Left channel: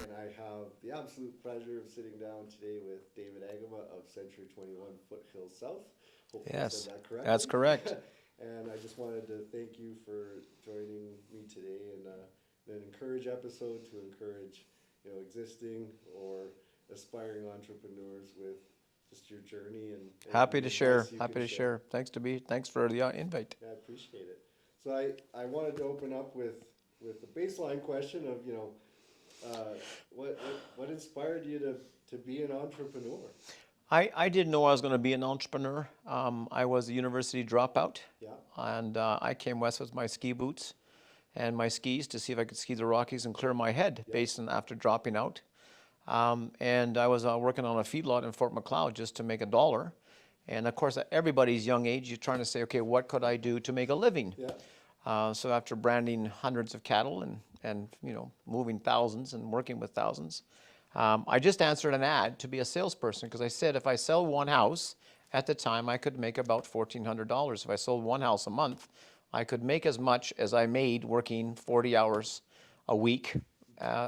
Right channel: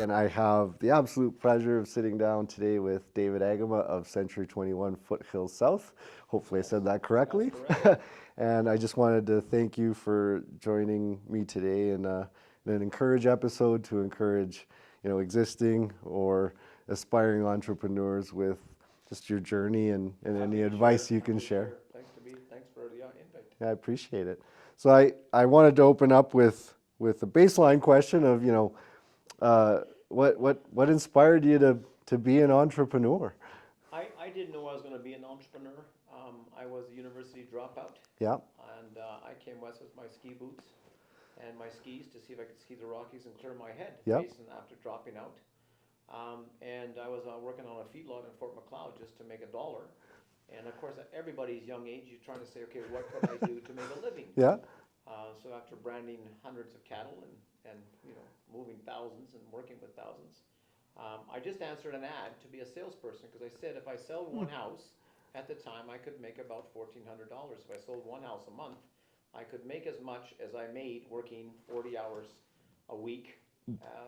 And I have the absolute pleasure of sitting down today with David Agama of Century 21 Foothills South. Hopefully I said Yes, that that's correctly. correct. And I just wanted to thank you for joining me today in an Encourage episode to encourage, existing or aspiring entrepreneurs with just your journey and Happy any to share. advice you can Happy to share. share. Thanks for the invite. I appreciate it. So I wanted to open up with a baseline question of, what inspired you to be an entrepreneur? I didn't know I was going to be an entrepreneur. I was a university dropout, Yeah, and I came west with my ski boots and my skis to see if I could ski the Rockies and clear my head, yeah, based on after dropping out. And I was working on a feedlot in Fort Macleod just to make a dollar. And of course, at everybody's young age, you're trying to say, okay, what could I do to make a living? yeah. So after branding hundreds of cattle and moving thousands and working with thousands, I just answered an ad to be a salesperson because I said if I sell one house, at the time I could make about $1,400. If I sold one house a month, I could make as much as I made working 40 hours a week.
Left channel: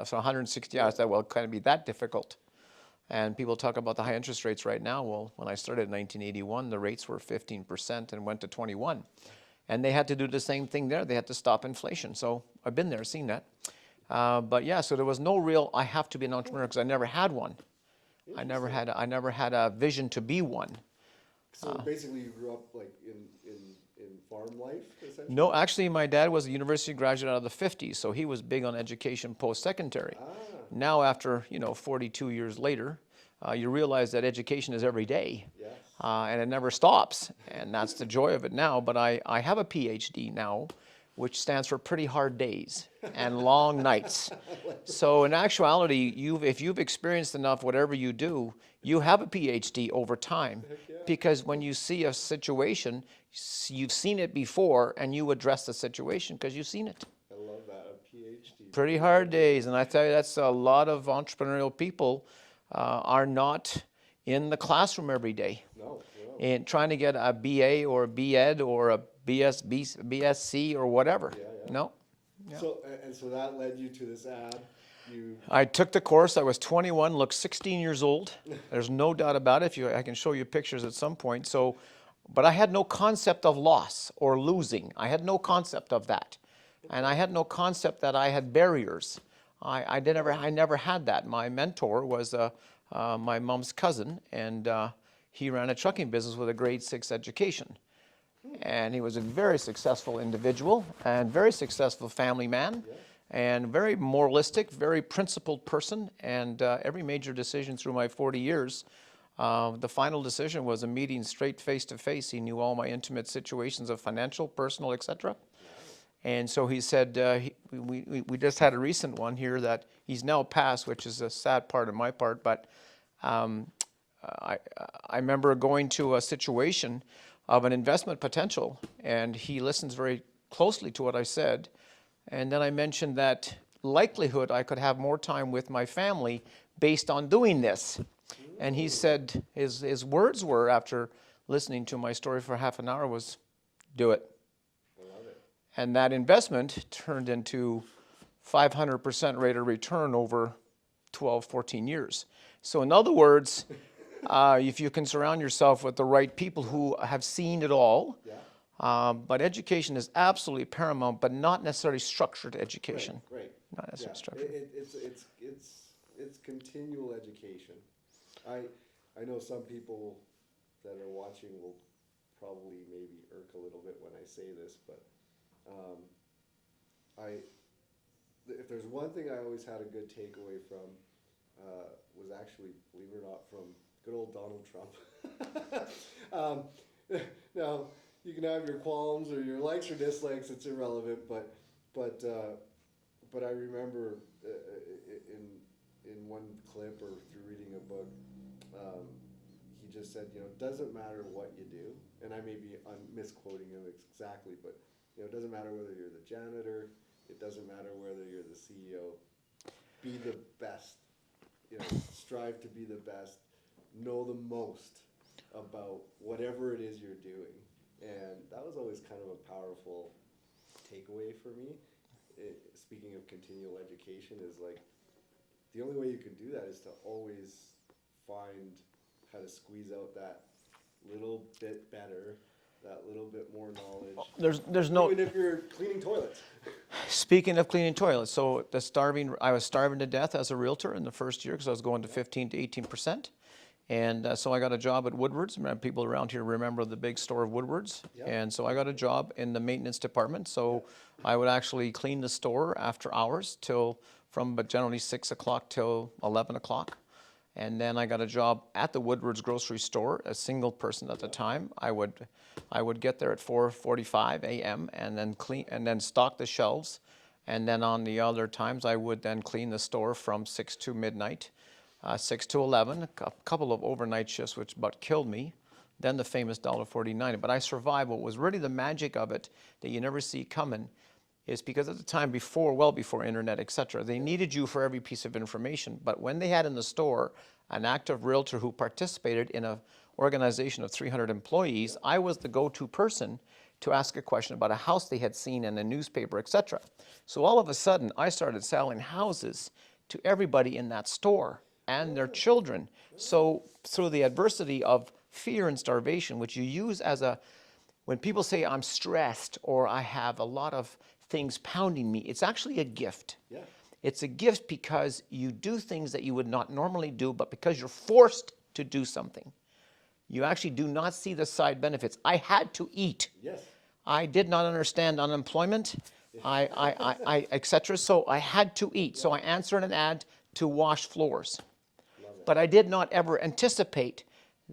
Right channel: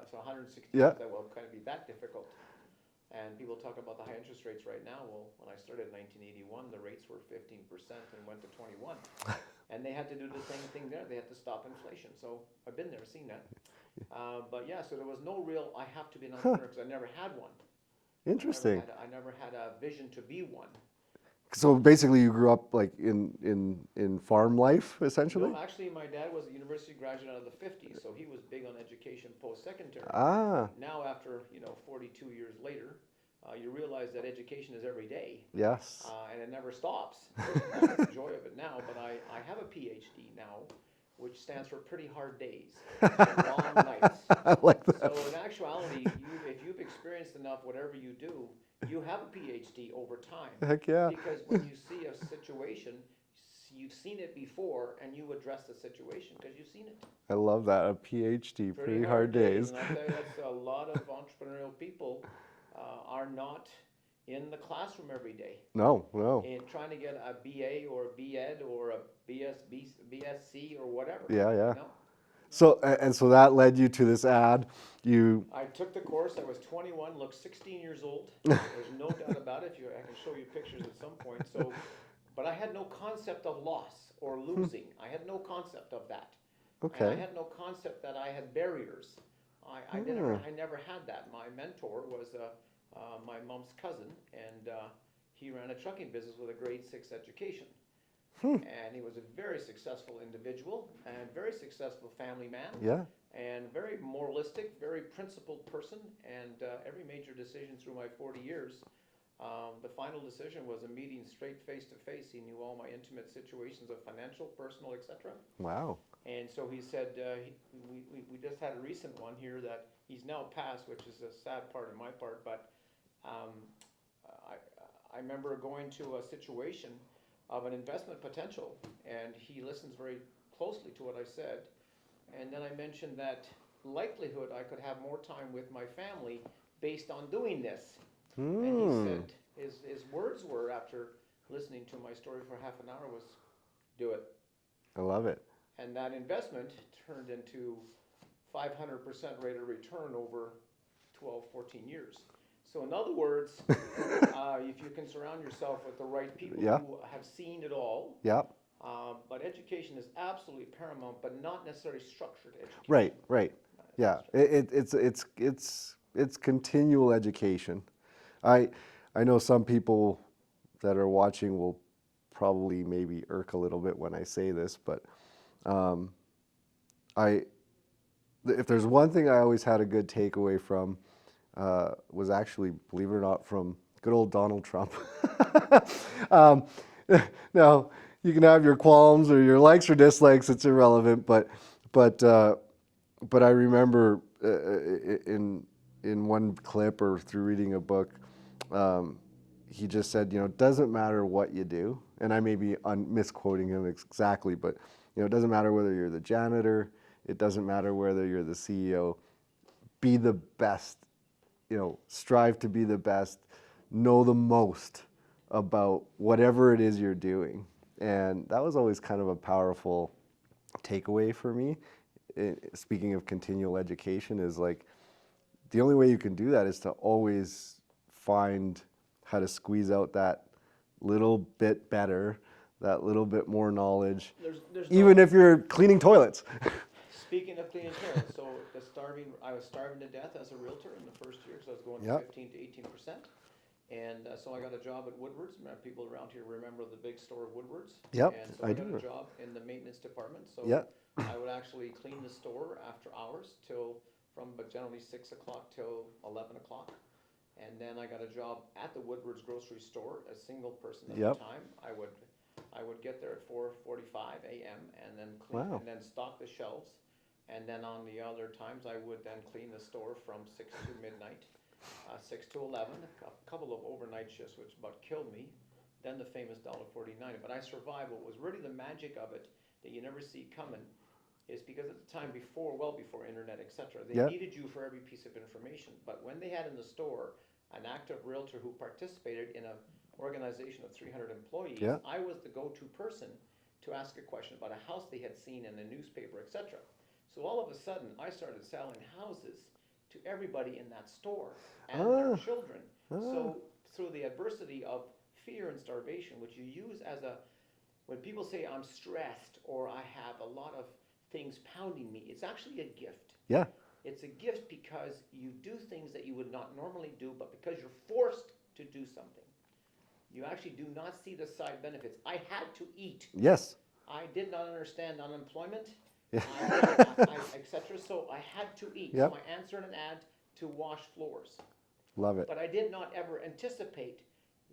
So 160 Yeah. hours, that will kind of be that difficult. And people talk about the high interest rates right now. Well, when I started in 1981, the rates were 15% and went to 21. And they had to do the same thing there. They had to stop inflation. So I've been there, seen that. But yeah, so there was no real, I have to be an entrepreneur because I never had one. Interesting. I never had a vision to be one. So basically, you grew up like in farm life, essentially. No, actually, my dad was a university graduate out of the 50s, so he was big on education post-secondary. Ah, Now, after 42 years later, you realize that education is every day, yes. and it never stops, and that's the joy of it now. But I have a PhD now, which stands for pretty hard days and long nights. I like that. So in actuality, if you've experienced enough, whatever you do, you have a PhD over time. Heck yeah. Because when you see a situation, you've seen it before, and you address the situation because you've seen it. I love that. A PhD. Pretty hard days, and I tell you, that's a lot of entrepreneurial people are not in the classroom every day. No, no. And trying to get a BA or a BEd or a BSc or whatever. Yeah, yeah. No. So so that led you to this ad. You I took the course. I was 21, looked 16 years old. There's no doubt about it. I can show you pictures at some point. So, but I had no concept of loss or losing. I had no concept of that, and I had no concept that I had barriers. I never had that. My mentor was my mom's cousin, and he ran a trucking business with a grade 6 education. And he was a very successful individual and very successful family man. Yeah. And very moralistic, very principled person. And every major decision through my 40 years, the final decision was a meeting straight face to face. He knew all my intimate situations of financial, personal, etc. wow. And so he said, we just had a recent one here that he's now passed, which is a sad part of my part. But I remember going to a situation of an investment potential, and he listens very closely to what I said. And then I mentioned that likelihood I could have more time with my family based on doing this. And he said, his words were, after listening to my story for half an hour, was, do it. I love it. And that investment turned into 500% rate of return over 12, 14 years. So in other words, if you can surround yourself with the right people Yeah. who have seen it all, Yeah. but education is absolutely paramount, but not necessarily structured Right. education. Right. Not Yeah. necessarily structured. It's continual education. I know some people that are watching will probably maybe irk a little bit when I say this, but if there's one thing I always had a good takeaway from, was actually, believe it or not, from good old Donald Trump. um, now, you can have your qualms or your likes or dislikes; it's irrelevant. But I remember in one clip or through reading a book, he just said, it doesn't matter what you do, and I may be misquoting him exactly, but it doesn't matter whether you're the janitor, it doesn't matter whether you're the CEO. Be the best. Strive to be the best, know the most about whatever it is you're doing. And that was always kind of a powerful takeaway for me. Speaking of continual education, is like the only way you can do that is to always find how to squeeze out that little bit better, that little bit more knowledge. There's no. Even if you're cleaning toilets. Speaking of cleaning toilets, so I was starving to death as a realtor in the first year because I was going to Yep. 15 to 18%. And so I got a job at Woodward's. People around here remember the big store of Woodward's. Yep, And so I I got a remember. job in the maintenance department. So Yep. I would actually clean the store after hours but generally 6 o'clock till 11 o'clock. And then I got a job at the Woodward's grocery store, a single person at the Yep. time. I would get there at 4:45 a.m. and then clean Wow. and then stock the shelves. And then on the other times, I would then clean the store from 6 to midnight, 6 to 11, a couple of overnight shifts, which about killed me. Then the famous $1.49. But I survived. What was really the magic of it that you never see coming is because at the time well before internet, et cetera, they Yep. needed you for every piece of information. But when they had in the store an active realtor who participated in an organization of 300 employees, Yep. I was the go-to person to ask a question about a house they had seen in a newspaper, et cetera. So all of a sudden, I started selling houses to everybody in that store and their children. So through the adversity of fear and starvation, which you use when people say I'm stressed or I have a lot of things pounding me, it's actually a gift. Yeah. It's a gift because you do things that you would not normally do, but because you're forced to do something, you actually do not see the side benefits. I had to eat. Yes. I did not understand unemployment, et cetera, so I had to eat. So I Yep. answered an ad to wash floors. Love it. But I did not ever anticipate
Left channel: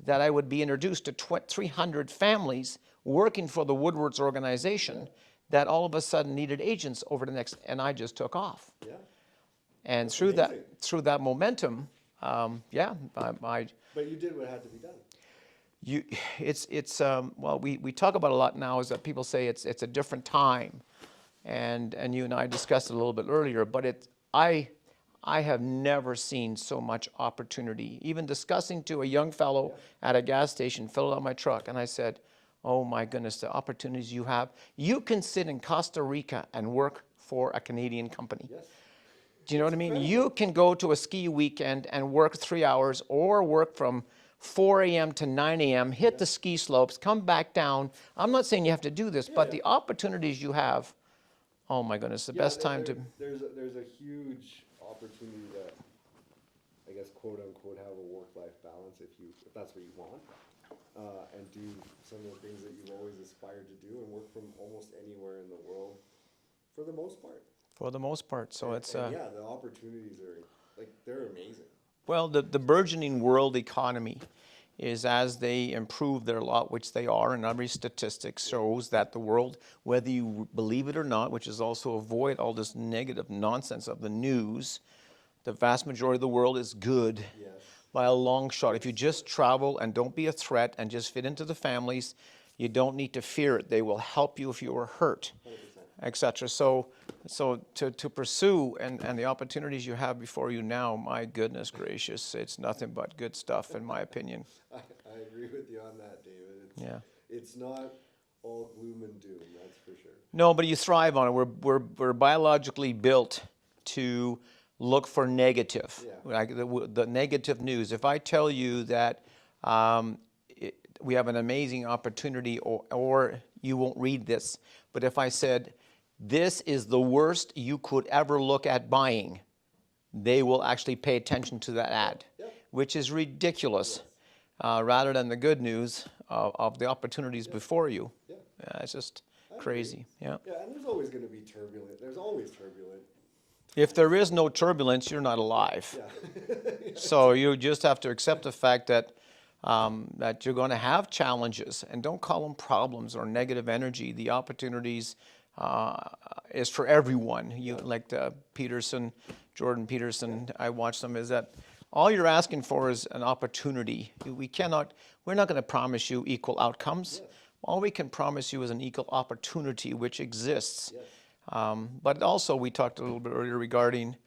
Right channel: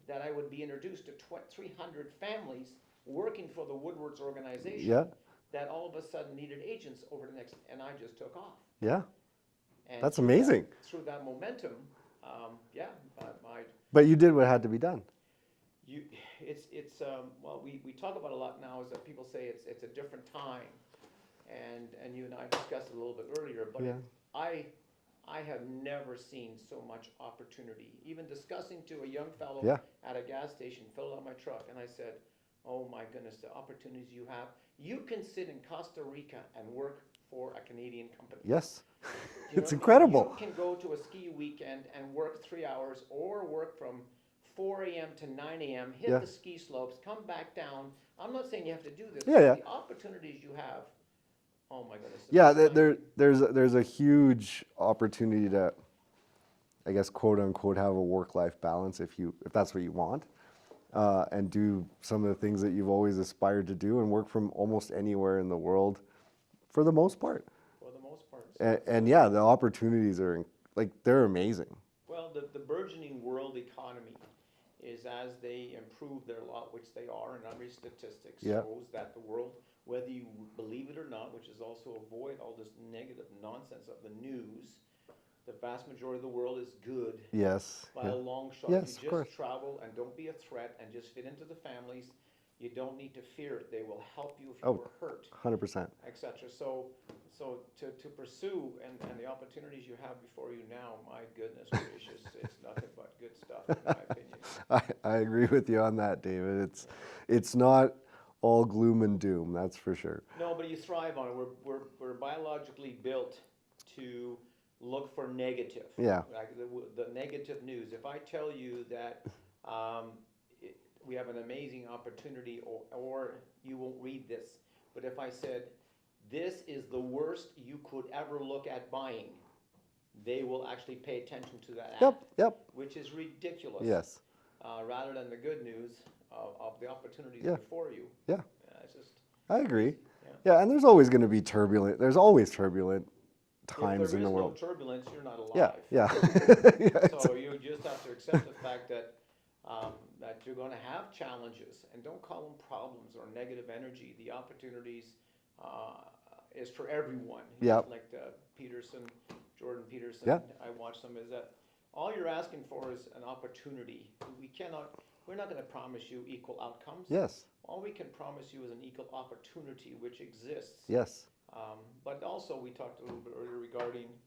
that I would be introduced to 300 families working for the Woodward's organization Yeah. that all of a sudden needed agents over the next, and I just took off. Yeah. And That's through amazing. through that momentum, But you did what had to be done. well, we talk about a lot now is that people say it's a different time, and you and I discussed it a little bit earlier, but I have never seen so much opportunity. Even discussing to a young fellow Yeah. at a gas station, filled out my truck, and I said, "Oh my goodness, the opportunities you have! You can sit in Costa Rica and work for a Canadian company." Yes. Do you know It's what I mean? incredible. You can go to a ski weekend and work 3 hours or work from 4 a.m. to 9 a.m., hit Yeah. the ski slopes, come back down. I'm not saying you have to do this, Yeah, but yeah. the opportunities you have, oh my goodness, the Yeah, best time to... there's a huge opportunity to, I guess, quote unquote, have a work-life balance if that's what you want, and do some of the things that you've always aspired to do and work from almost anywhere in the world, for the most part. For the most part. So And yeah, the opportunities are they're amazing. Well, the burgeoning world economy is as they improve their lot, which they are, and every statistic shows that the world, whether you believe it or not, which is also avoid all this negative nonsense of the news, the vast majority of the world is good Yes. by a long shot. If you Yes, of just course. travel and don't be a threat and just fit into the families, you don't need to fear it. They will help you if you were hurt. 100%. Etc. So to pursue and the opportunities you have before you now, my goodness gracious, it's nothing but good stuff in my opinion. I agree with you on that, David. Yeah. It's not all gloom and doom, that's for sure. No, but you thrive on it. We're biologically built to look for negative. Yeah. Like the negative news. If I tell you that we have an amazing opportunity, or you won't read this, but if I said, this is the worst you could ever look at buying, they will actually pay attention to that ad, Yep. which is ridiculous. Yes. Rather than the good news of the opportunities before you. Yeah. It's just I agree. crazy. Yeah. Yeah, and there's always going to be turbulent. There's always turbulent times If there in is the no world. turbulence, you're not alive. Yeah. So you just have to accept the fact that that you're going to have challenges, and don't call them problems or negative energy. The opportunities is for everyone. Yeah. Like Jordan Peterson, Yeah. I watched them. Is that all you're asking for is an opportunity? We're not going to promise you equal outcomes. Yes. All we can promise you is an equal opportunity, which exists. Yes. But also, we talked a little bit earlier regarding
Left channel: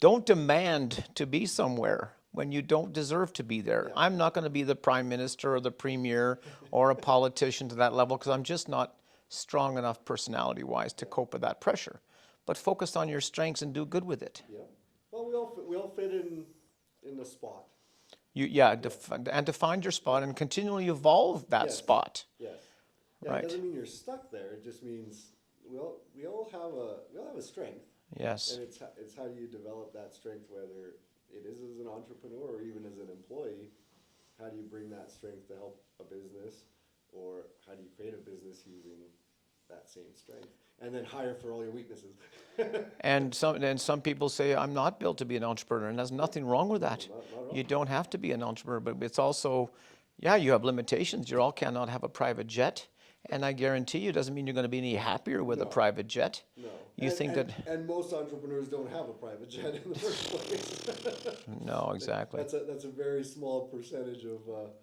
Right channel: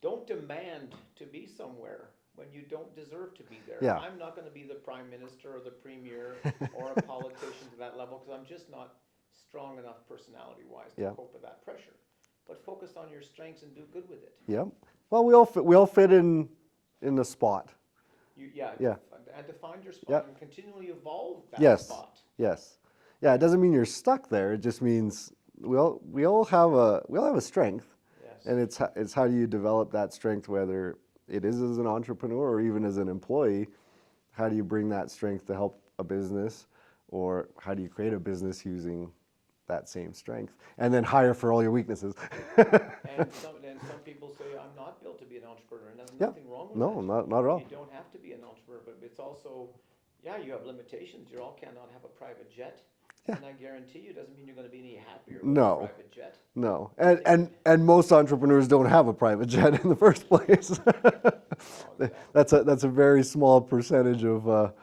don't demand to be somewhere when you don't deserve to be there. Yeah. I'm not going to be the prime minister or the premier or a politician to that level because I'm just not strong enough personality-wise to Yeah. cope with that pressure. But focus on your strengths and do good with it. Yep. Well, we all fit in the spot. Yeah, and to find your spot and continually evolve that Yes. spot. Yes. Yeah, Right. it doesn't mean you're stuck there. It just means we all have a strength. Yes. And it's how do you develop that strength, whether it is as an entrepreneur or even as an employee. How do you bring that strength to help a business, or how do you create a business using that same strength, and then hire for all your weaknesses? And some people say, I'm not built to be an entrepreneur, and there's nothing wrong with No, that. not at all. You don't have to be an entrepreneur, but it's also, yeah, you have limitations. You all cannot have a private jet, and I guarantee you, it doesn't mean you're going to be any happier with a No. private jet. No, You think and most entrepreneurs don't have a private jet in the first place. No, exactly. That's a very small percentage of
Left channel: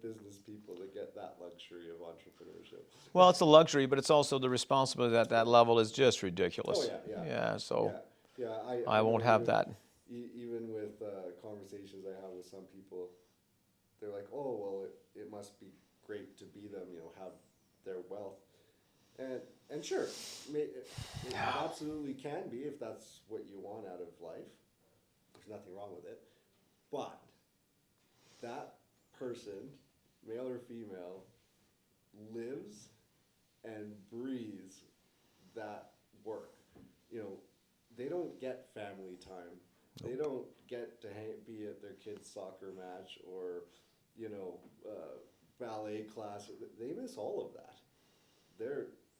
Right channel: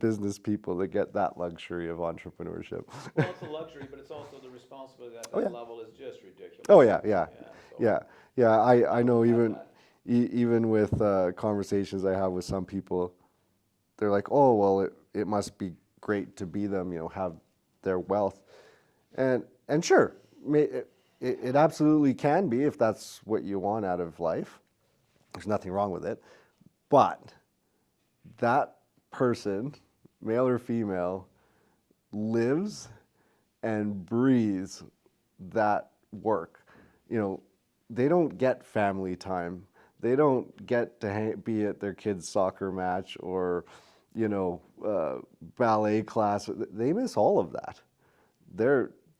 business people that get that luxury of entrepreneurship. Well, it's a luxury, but it's also the responsibility at that level is just ridiculous. Oh yeah, yeah, Yeah, so yeah. I know won't have even that. even with conversations I have with some people, they're like, oh well, it must be great to be them, have their wealth, and sure, it absolutely can be if that's what you want out of life. There's nothing wrong with it, but that person, male or female, lives and breathes that work. They don't get family time. They don't get to be at their kids' soccer match or, ballet class. They miss all of that.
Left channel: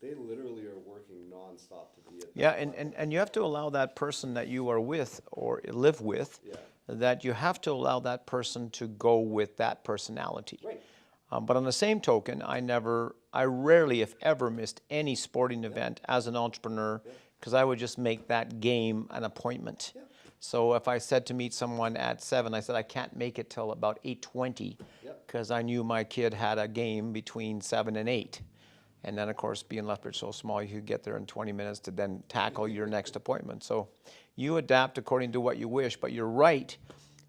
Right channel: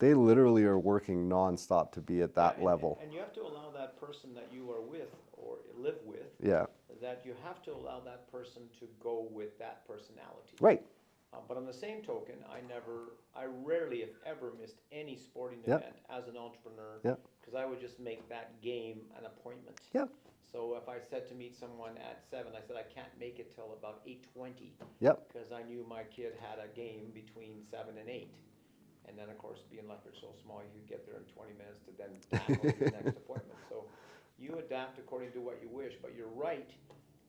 They literally are working nonstop to be at that level. And you have to allow that person that you are with or live with, Yeah. that you have to allow that person to go with that personality. Right. But on the same token, I rarely, if ever, missed any sporting event as an entrepreneur because I would just make that game an appointment. Yeah. So if I said to meet someone at 7, I said I can't make it till about 8:20 because I knew my kid had a game between 7 and 8. And then, of course, being Lethbridge so small, you could get there in 20 minutes to then tackle your next appointment. So you adapt according to what you wish, but you're right.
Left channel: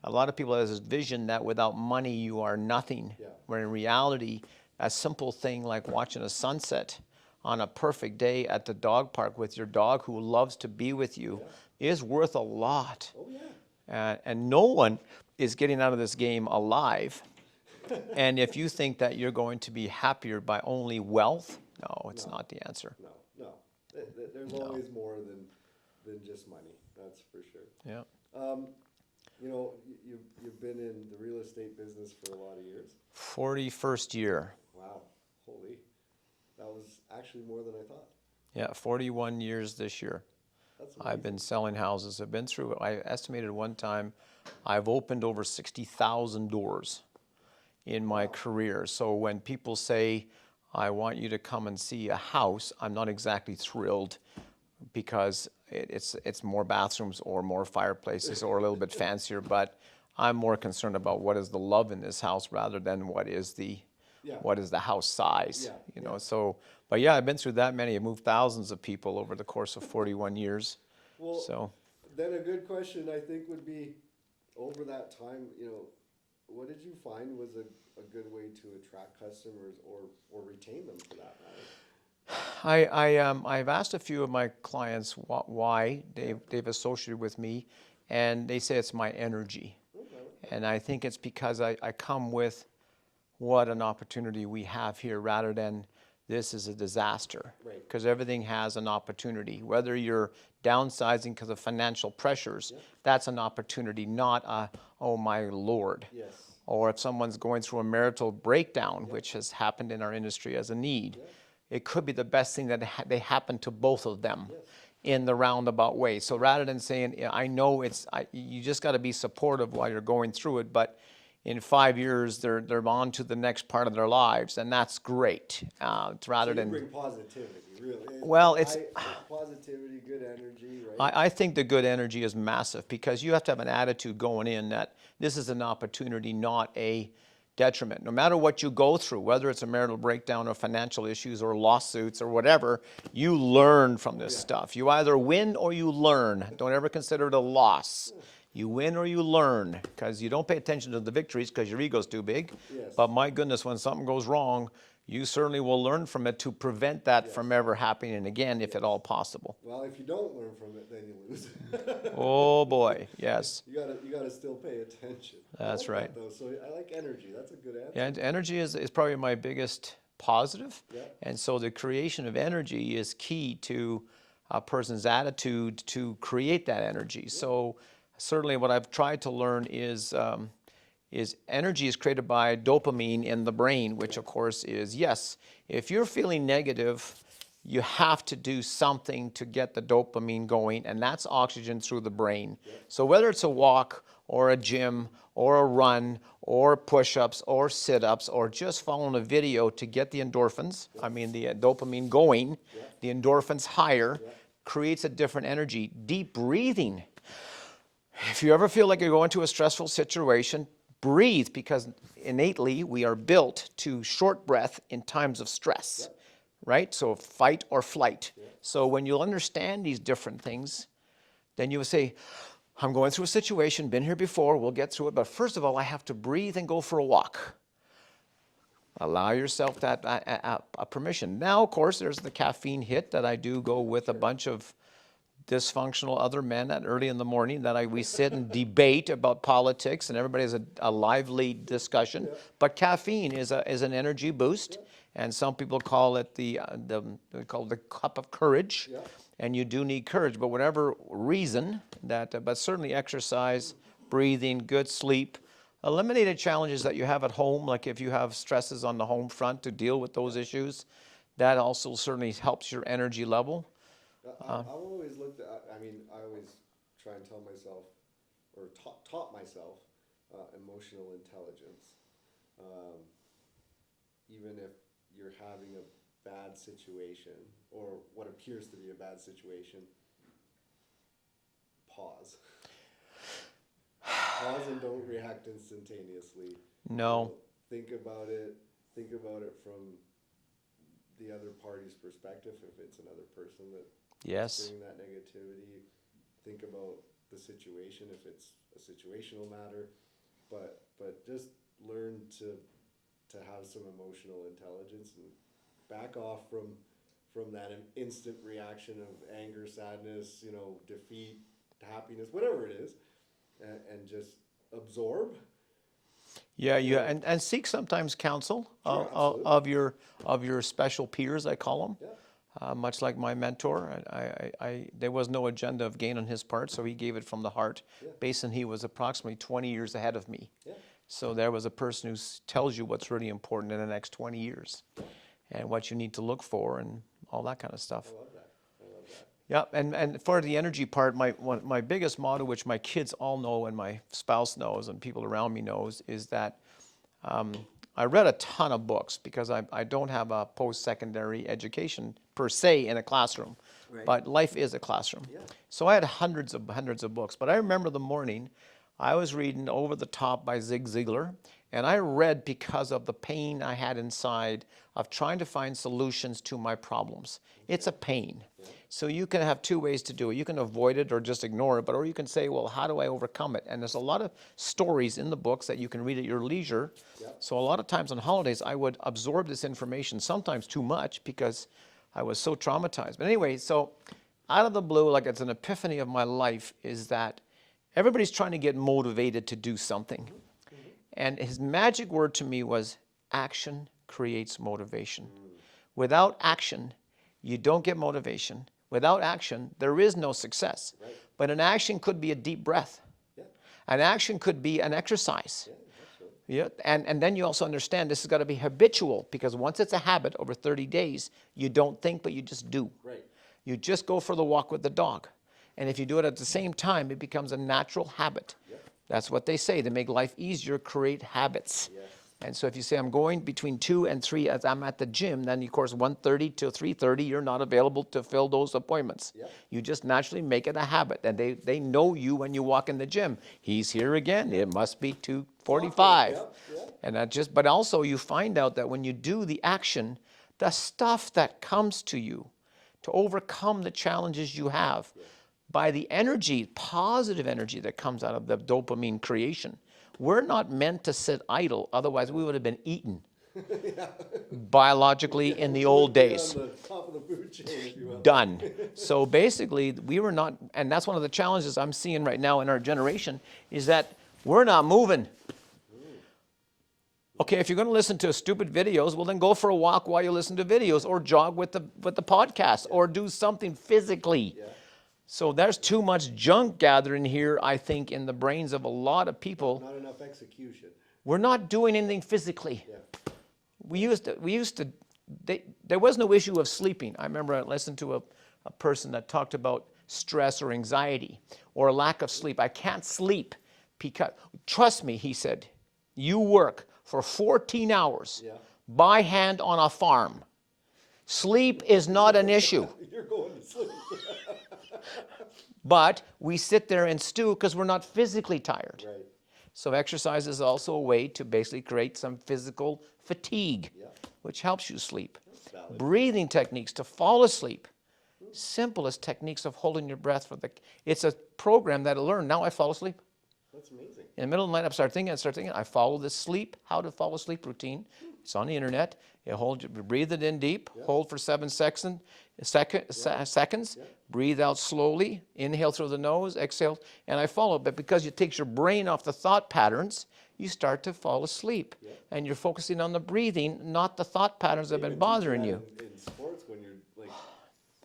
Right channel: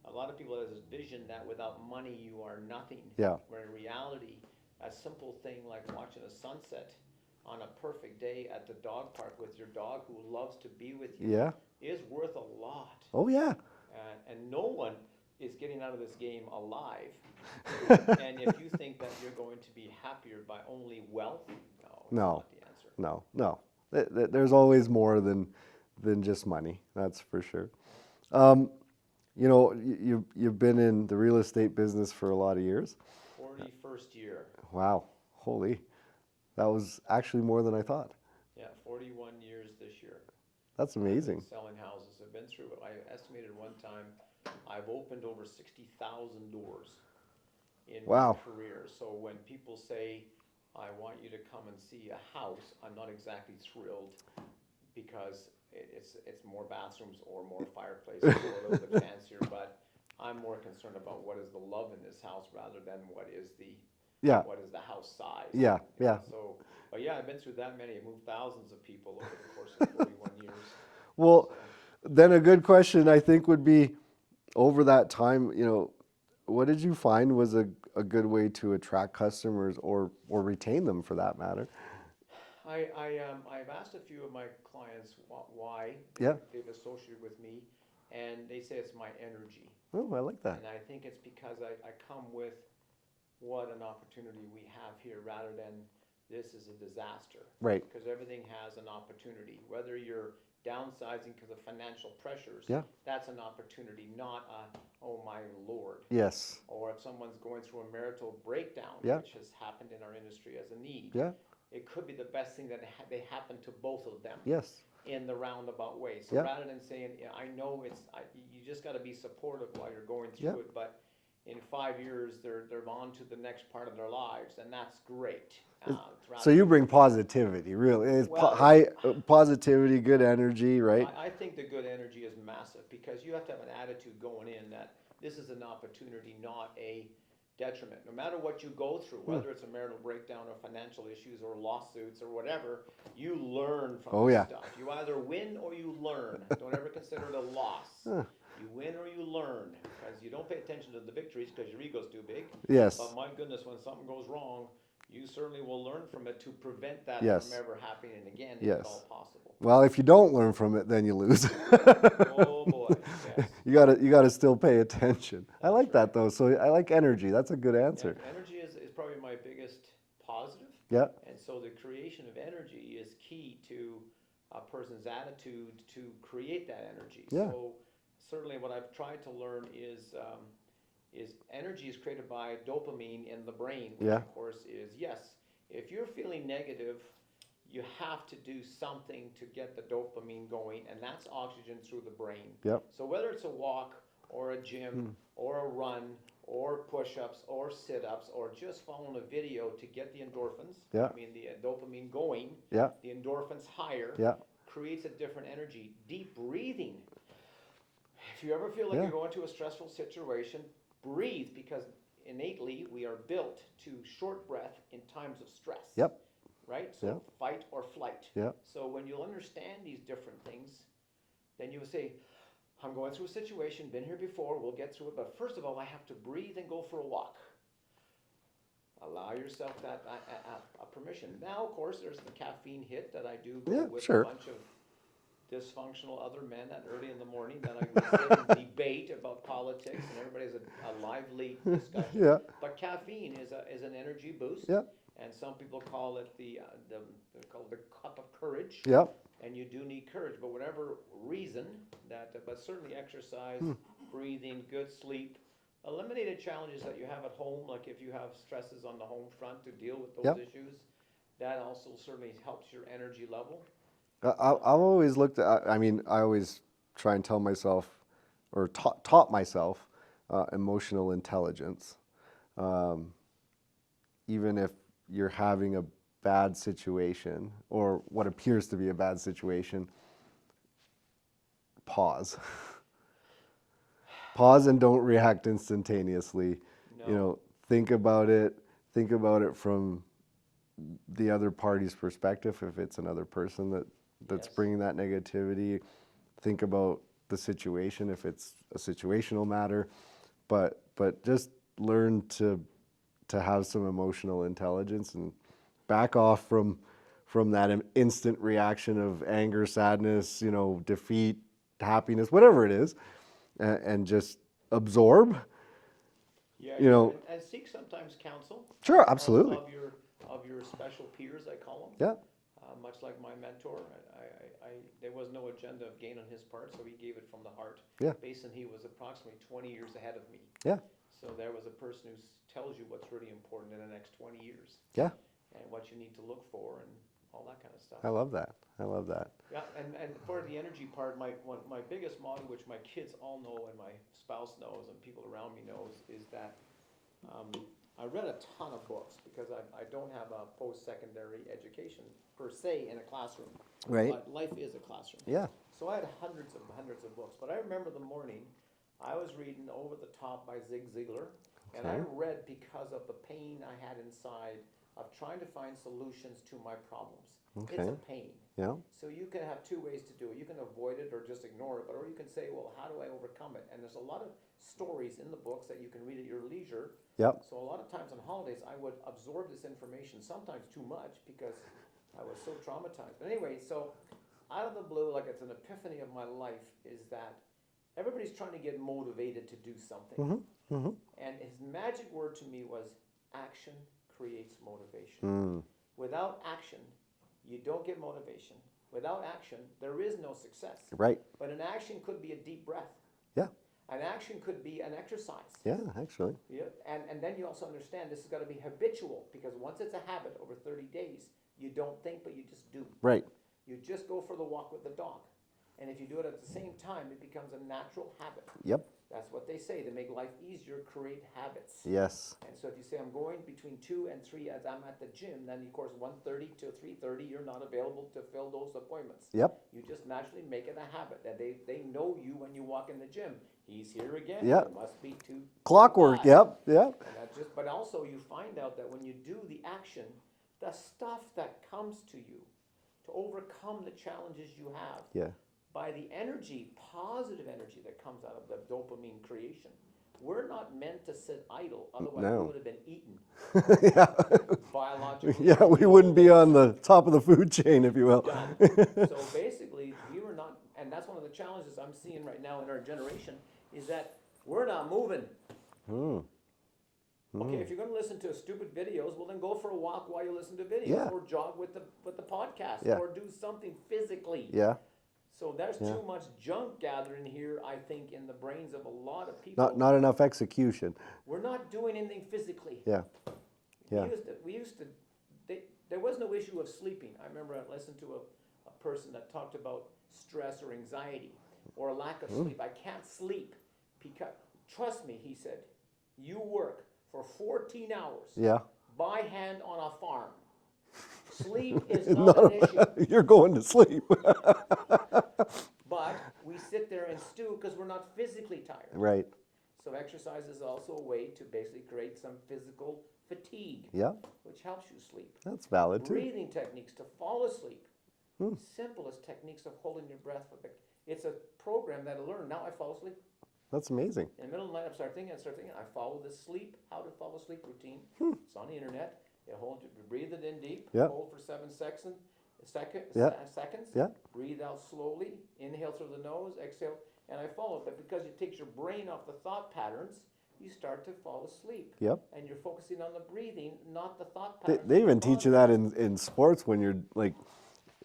A lot of people have this vision that without money you are nothing. Yeah. Where in reality, a simple thing like watching a sunset on a perfect day at the dog park with your dog who loves to be with you is worth a lot. Oh yeah. And no one is getting out of this game alive. And if you think that you're going to be happier by only wealth, no, it's not the answer. No. There's always more than just money. That's for sure. Yeah. You've been in the real estate business for a lot of years. 41st year. Wow, holy, that was actually more than I thought. Yeah, 41 years this year. That's amazing. I've been selling houses. I've been through, I estimated one time, I've opened over 60,000 doors in my career. So when people say, I want you to come and see a house, I'm not exactly thrilled because it's more bathrooms or more fireplaces or a little bit fancier, but I'm more concerned about what is the love in this house rather than what is the house size. So, but yeah, I've been through that many. I've moved thousands of people over the course of 41 years. Well, then a good question I think would be, over that time, what did you find was a good way to attract customers or retain them for that matter? I've asked a few of my clients why they've associated with me, and they say it's my energy. Oh, I like that. And I think it's because I come with what an opportunity we have here rather than this is a disaster. Right. Because everything has an opportunity. Whether you're downsizing because of financial pressures, that's an opportunity, not a, oh my Lord. Yes. Or if someone's going through a marital breakdown, which has happened in our industry as a need. Yeah. It could be the best thing that they happen to both of them Yes. in the roundabout way. So rather than saying, I know you just got to be supportive while you're going through it, but in 5 years they're on to the next part of their lives, and that's great. So you bring positivity, really. Positivity, good energy, right? I think the good energy is massive because you have to have an attitude going in that this is an opportunity, not a detriment. No matter what you go through, whether it's a marital breakdown or financial issues or lawsuits or whatever, you learn from this stuff. You either win or you learn. Don't ever consider it a loss. You win or you learn, because you don't pay attention to the victories because your ego's too big. Yes. But my goodness, when something goes wrong, you certainly will learn from it to prevent that Yes. from ever happening again, if Yes. at all possible. Well, if you don't learn from it, then you lose. Oh boy, yes, You gotta still pay attention. I That's like right. that though. So I like energy. That's a good answer. and energy is probably my biggest positive. Yeah. And so the creation of energy is key to a person's attitude to create that energy. So certainly what I've tried to learn is energy is created by dopamine in the brain, which Yeah. of course is, yes, if you're feeling negative, you have to do something to get the dopamine going, and that's oxygen through the brain. Yep. So whether it's a walk or a gym or a run or push-ups or sit-ups or just following a video to get the endorphins, Yeah. I mean the dopamine going, Yeah. the endorphins higher, Yeah. creates a different energy. Deep breathing. If you ever feel like you're going to a stressful situation, breathe, because innately we are built to short breath in times of stress. Yep. Right? So fight or flight. Yep. So when you'll understand these different things, then you will say, I'm going through a situation, been here before, we'll get through it, but first of all, I have to breathe and go for a walk. Allow yourself that permission. Now, of course, there's the caffeine hit that I do go with sure. a bunch of dysfunctional other men at early in the morning that we sit and debate about politics, and everybody has a lively discussion. Yeah. But caffeine is an energy boost, Yeah. and some people call it they call it the cup of courage. Yeah. And you do need courage, but whatever reason that, but certainly exercise, breathing, good sleep, eliminated challenges that you have at home, like if you have stresses on the home front to deal with those Yep. issues, that also certainly helps your energy level. I've always looked at, I mean, I always try and tell myself, or taught myself, emotional intelligence. Even if you're having a bad situation, or what appears to be a bad situation, pause. Pause and don't react instantaneously. No. Think about it. Think about it from the other party's perspective. If it's another person that's Yes. bringing that negativity, think about the situation if it's a situational matter. But just learn to have some emotional intelligence and back off from that instant reaction of anger, sadness, defeat, happiness, whatever it is, and just absorb. Yeah, You yeah, know- and seek sometimes counsel. Sure, of- absolutely. of your special peers, I call them. Yeah. Much like my mentor, there was no agenda of gain on his part, so he gave it from the heart. Yeah. Based on he was approximately 20 years ahead of me. Yeah. So there was a person who tells you what's really important in the next 20 years. Yeah. And what you need to look for and all that kind of stuff. I love that. I love that. Yeah, and for the energy part, my biggest motto, which my kids all know and my spouse knows and people around me knows, is that I read a ton of books because I don't have a post-secondary education per se in a classroom. Right. But life is a classroom. Yeah. So I had hundreds of books. But I remember the morning I was reading Over the Top by Zig Ziglar, and I read because of the pain I had inside of trying to find solutions to my problems. It's a pain. Yeah. So you can have two ways to do it. You can avoid it or just ignore it, or you can say, well, how do I overcome it? And there's a lot of stories in the books that you can read at your leisure. Yep. So a lot of times on holidays, I would absorb this information, sometimes too much because I was so traumatized. But anyway, so out of the blue, like it's an epiphany of my life, is that everybody's trying to get motivated to do something. And his magic word to me was action creates motivation. Without action, you don't get motivation. Without action, there is no success. Right. But an action could be a deep breath. Yeah. An action could be an exercise. Yeah, actually. Yeah, and then you also understand this has got to be habitual, because once it's a habit over 30 days, you don't think, but you just do. Right. You just go for the walk with the dog. And if you do it at the same time, it becomes a natural habit. Yep. That's what they say. To make life easier, create habits. Yes. And so if you say, I'm going between 2 and 3 as I'm at the gym, then of course 1:30 till 3:30, you're not available to fill those appointments. Yep. You just naturally make it a habit. And they know you when you walk in the gym. He's here again. Yep. It must be 2:45. Clockwork. Yep. Yep. And that just, but also you find out that when you do the action, the stuff that comes to you to overcome the challenges you have, Yeah. by the energy, positive energy that comes out of the dopamine creation. We're not meant to sit idle, otherwise we No. would have been eaten. biologically Yeah, in we the wouldn't old be days. on the top of the food chain, if you will. Done. So basically, we were not, and that's one of the challenges I'm seeing right now in our generation, is that we're not moving. Okay, if you're going to listen to stupid videos, well, then go for a walk while you listen to videos, or jog with the podcast, Yeah. or do something physically. Yeah. So there's too much junk gathering here, I think, in the brains of a lot of people. Not enough execution. We're not doing anything physically. Yeah. We used to, there was no issue of sleeping. I remember I listened to a person that talked about stress or anxiety or a lack of sleep. I can't sleep because, trust me, he said, you work for 14 hours Yeah. by hand on a farm. Sleep is not an issue. You're going to sleep. But we sit there and stew because we're not physically tired. Right. So exercise is also a way to basically create some physical fatigue, Yeah. which helps you sleep. That's valid. Breathing techniques to fall asleep. Simplest techniques of holding your breath for the. It's a program that I learned. Now I fall asleep. That's amazing. In the middle of the night, I start thinking. I follow the how to fall asleep routine. It's on the internet. You breathe it in deep. Yeah. Hold for 7 seconds. Yeah. Seconds. Yeah. Breathe out slowly. Inhale through the nose. Exhale. And I follow. But because it takes your brain off the thought patterns, you start to fall asleep. Yep. And you're focusing on the breathing, not the thought patterns They that have even been teach you bothering that in sports when you're like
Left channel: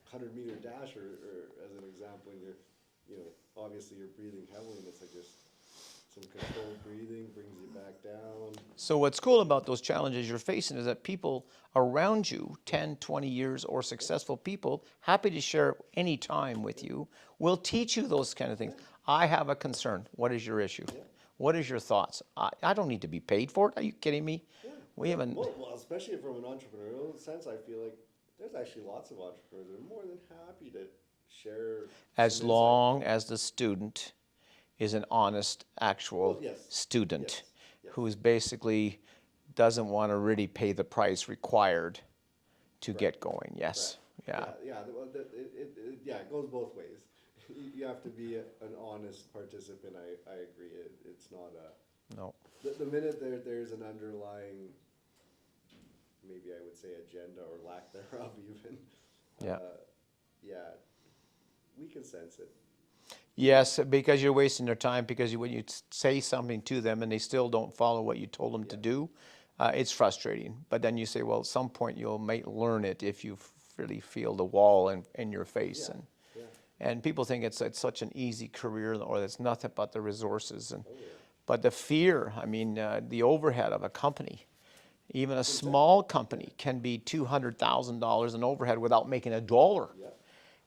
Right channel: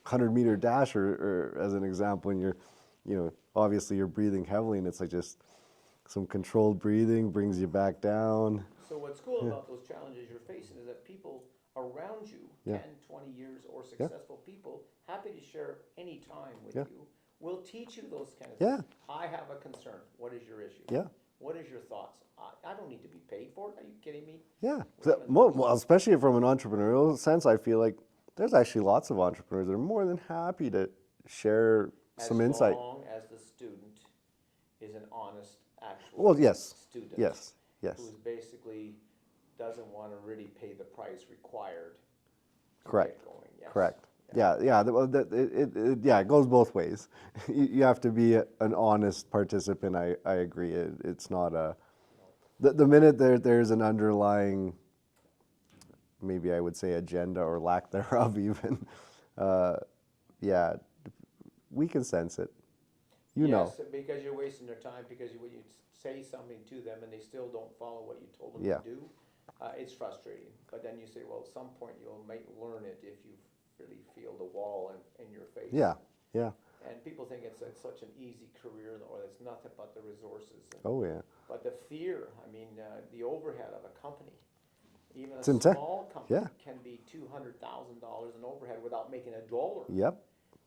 100-meter dash or as an example, when you're, obviously you're breathing heavily and it's like just some controlled breathing brings you back down. So what's cool about those challenges you're facing is that people around you, 10, 20 years or successful people, happy to share any time with you, will teach you those kind of things. Yeah. I have a concern. What is your issue? Yeah. What is your thoughts? I don't need to be paid for it. Are you kidding me? Yeah. We haven't. Well, especially from an entrepreneurial sense, I feel like there's actually lots of entrepreneurs that are more than happy to share As some insight. long as the student is an honest, actual Well, yes. student Yes. who's basically doesn't want to really pay the price required to Correct. get going. Yes. Correct. Yeah. Yeah. It goes both ways. You have to be an honest participant. I agree. It's not a. No. The minute there's an underlying, maybe I would say agenda or lack thereof, even. We can sense it. You know. Yes, because you're wasting their time. Because when you say something to them and they still don't follow what you told them to Yeah. do, it's frustrating. But then you say, well, at some point you might learn it if you really feel the wall in your face. Yeah. Yeah. And people think it's such an easy career, or it's nothing but the resources. And, Oh yeah. But the fear, I mean, the overhead of a company, even a insane. small company, Yeah. can be $200,000 in overhead without making a dollar. Yep.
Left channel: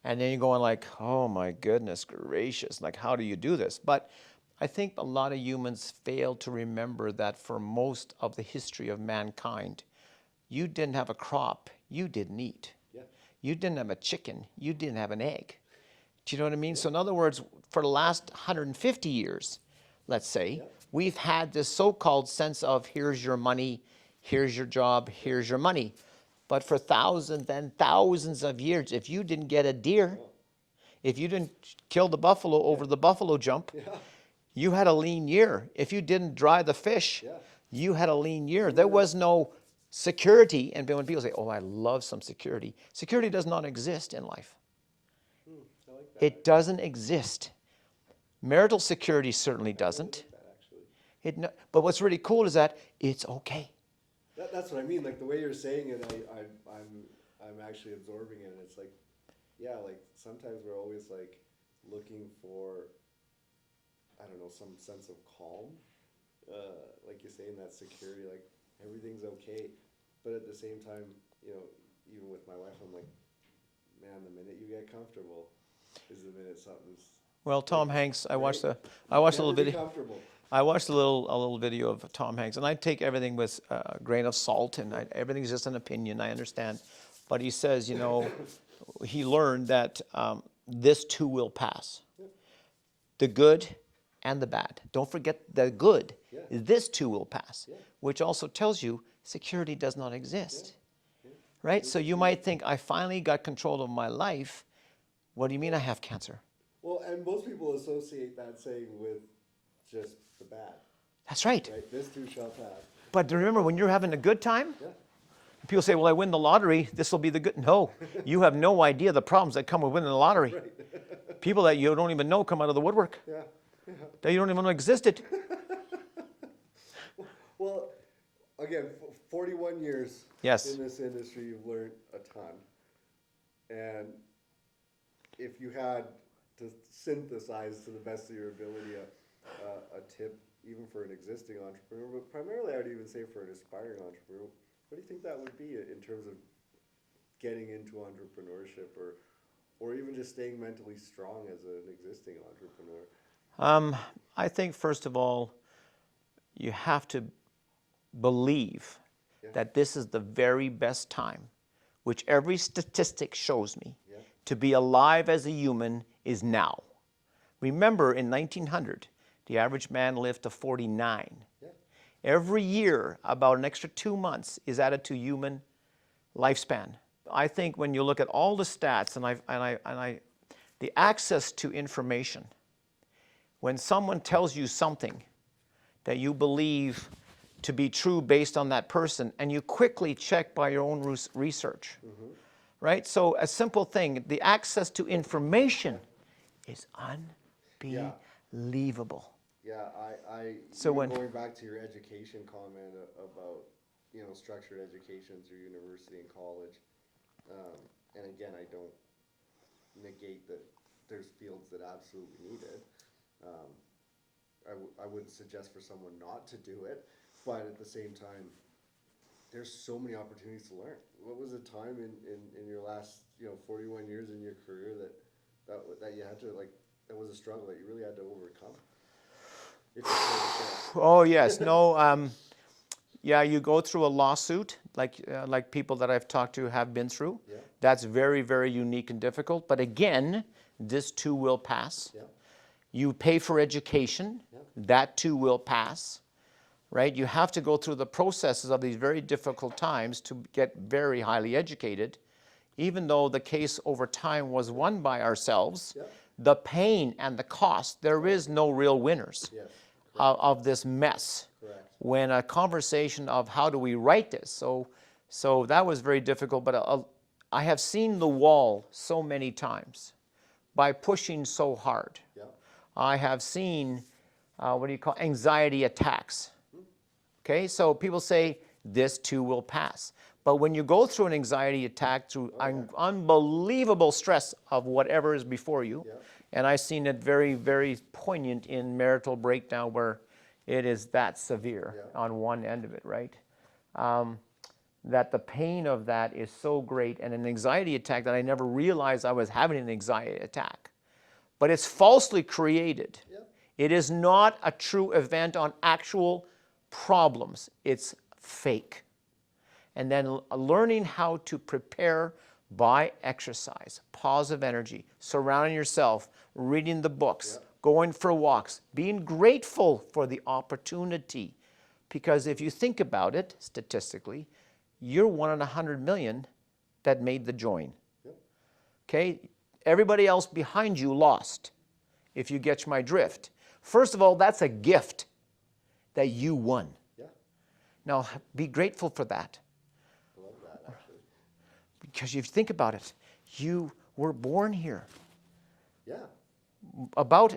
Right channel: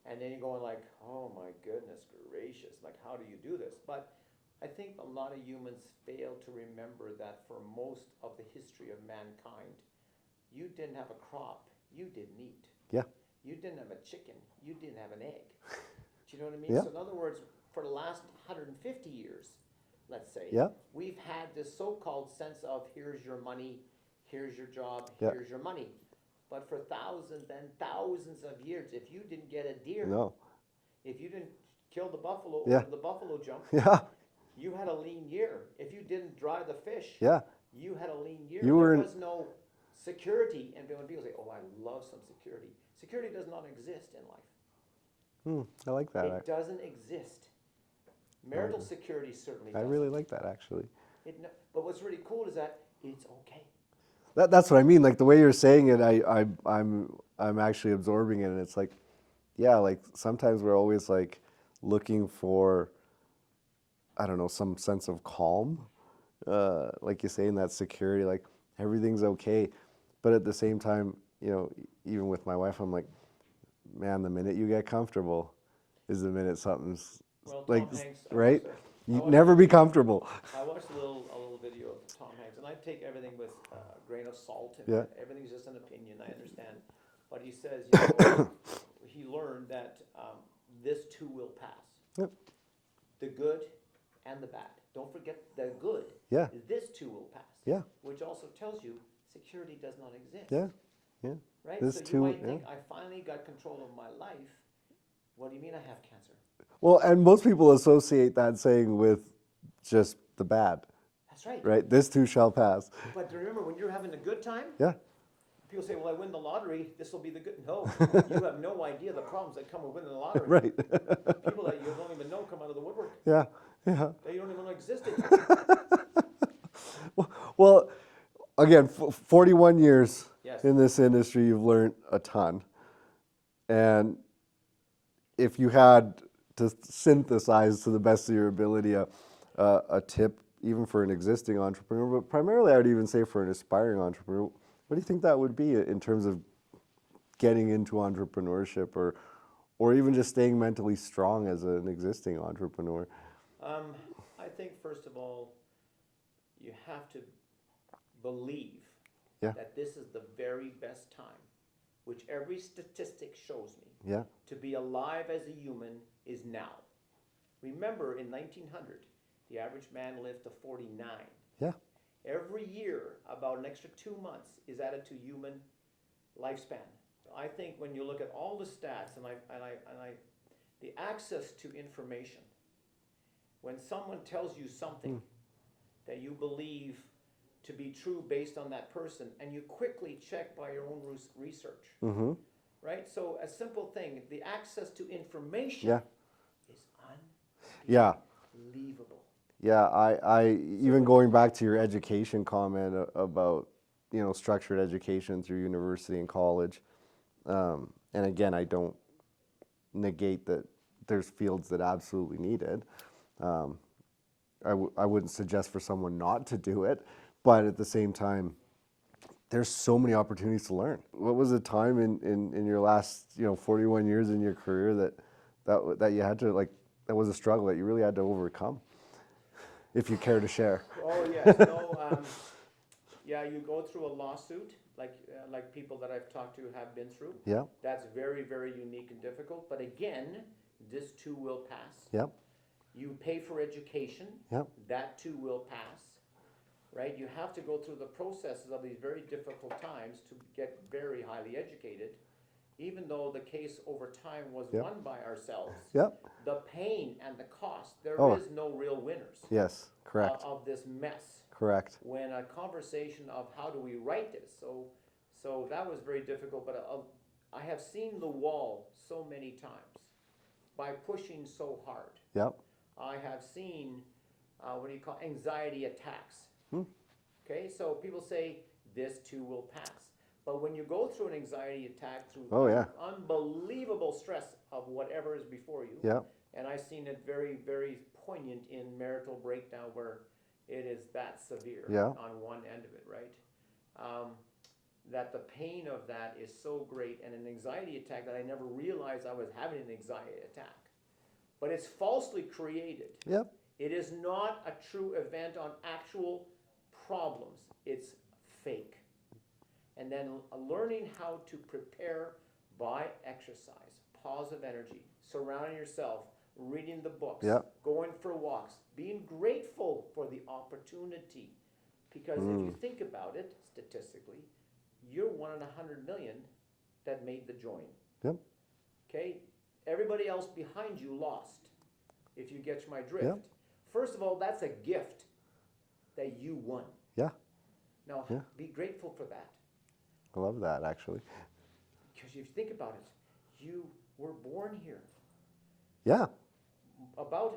And then you're going like, oh my goodness gracious, like how do you do this? But I think a lot of humans fail to remember that for most of the history of mankind, you didn't have a crop, you didn't eat. Yeah. You didn't have a chicken, you didn't have an egg. Do you know what I mean? Yeah. So in other words, for the last 150 years, let's say, Yeah. we've had this so-called sense of here's your money, here's your job, here's your money. But for thousands and thousands of years, if you didn't get a deer, No. if you didn't kill the buffalo over the buffalo jump, Yeah. you had a lean year. If you didn't dry the fish, Yeah. you had a lean year. You There were- was no security. And when people say, oh, I love some security, security does not exist in life. I like that. It doesn't exist. Marital security certainly I doesn't. really like that actually. But what's really cool is that it's okay. That's what I mean. Like the way you're saying it, I'm actually absorbing it, and it's like, yeah, like sometimes we're always like looking for, I don't know, some sense of calm, like you say, in that security, like everything's okay, but at the same time, even with my wife, I'm like, man, the minute you get comfortable, is the minute something's. Well, Tom Hanks, I right? watched a Never little be video. comfortable. I watched a little video of Tom Hanks, and I take everything with a grain of salt, and everything's just an opinion. I understand, but he says, he learned that this too will pass. Yep. The good and the bad. Don't forget the good. Yeah. This too will pass. Yeah. Which also tells you security does not exist. Yeah. Yeah. Right. This So you too- might think, I finally got control of my life. What do you mean I have cancer? Well, and most people associate that saying with just the bad. That's right. right? This too shall pass. But remember, when you're having a good time, Yeah, people say, well, I win the lottery, this will be the good. No, you have no idea the problems that come with winning the lottery. right. People that you don't even know come out of the woodwork, Yeah, yeah. that you don't even know existed. Well, again, 41 years Yes. in this industry, you've learned a ton. And if you had to synthesize to the best of your ability a tip, even for an existing entrepreneur, but primarily I would even say for an aspiring entrepreneur, what do you think that would be in terms of getting into entrepreneurship or even just staying mentally strong as an existing entrepreneur? I think, first of all, you have to believe Yeah. that this is the very best time, which every statistic shows me, Yeah. to be alive as a human is now. Remember, in 1900, the average man lived to 49. Yeah. Every year, about an extra 2 months is added to human lifespan. I think when you look at all the stats and the access to information, when someone tells you something that you believe to be true based on that person, and you quickly check by your own research, right? So a simple thing, the access to information is unbelievable. Yeah, I So even when- going back to your education comment about, structured education through university and college, and again, I don't negate that there's fields that absolutely need it. I wouldn't suggest for someone not to do it, but at the same time, there's so many opportunities to learn. What was the time in your last 41 years in your career that you had to that was a struggle that you really had to overcome? If you care to share. Oh yes, no, yeah, you go through a lawsuit like people that I've talked to have been through. Yeah. That's very, very unique and difficult. But again, this too will pass. Yep. You pay for education. Yep. That too will pass. Right? You have to go through the processes of these very difficult times to get very highly educated. Even though the case over time was won by ourselves, Yep. the pain and the cost, there is no real winners Yes. Correct. of this mess. Correct. When a conversation of how do we write this, so that was very difficult. But I have seen the wall so many times by pushing so hard. Yep. I have seen anxiety attacks. Okay, so people say this too will pass. But when you go through an anxiety attack through unbelievable stress of whatever is before you, Yeah. and I've seen it very, very poignant in marital breakdown where it is that severe on one end of it, right? That the pain of that is so great, and an anxiety attack that I never realized I was having an anxiety attack. But it's falsely created. Yep. It is not a true event on actual problems. It's fake. And then learning how to prepare by exercise, positive energy, surrounding yourself, reading the books, going for walks, being grateful for the opportunity. Because if you think about it, statistically, you're 1 in 100 million that made the join. Yep. Okay? Everybody else behind you lost, if you get my drift. First of all, that's a gift that you won. Yeah. Now, be grateful for that. I love that, actually. Because if you think about it, you were born here. Yeah. About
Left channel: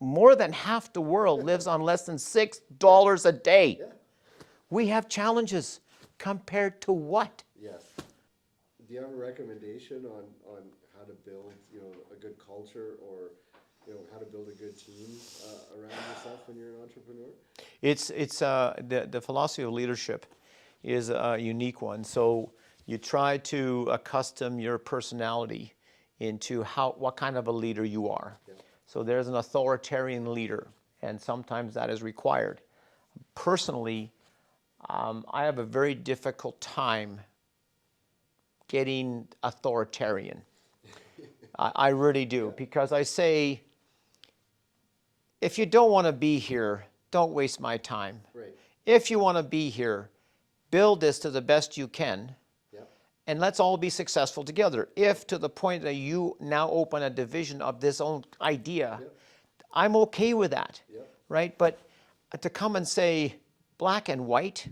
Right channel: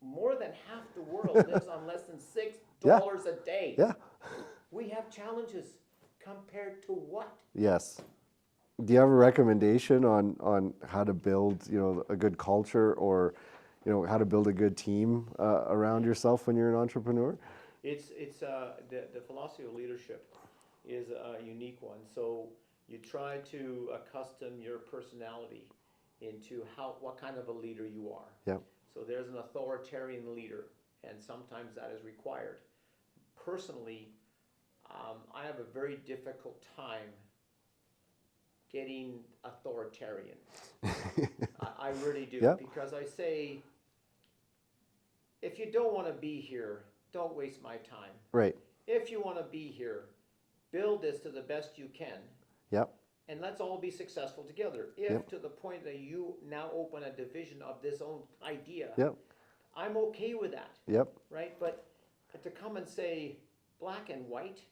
more than half the world lives on less than $6 a day. Yeah. We have challenges compared to what? Yes. Do you have a recommendation on how to build, a good culture or, how to build a good team around yourself when you're an entrepreneur? It's the philosophy of leadership is a unique one. So you try to accustom your personality into what kind of a leader you are. Yeah. So there's an authoritarian leader, and sometimes that is required. Personally, I have a very difficult time getting authoritarian. I really do, because I say, if you don't want to be here, don't waste my time. Right. If you want to be here, build this to the best you can, Yep. and let's all be successful together. If to the point that you now open a division of this own idea, Yep. I'm okay with that. Yep. Right? But to come and say black and white,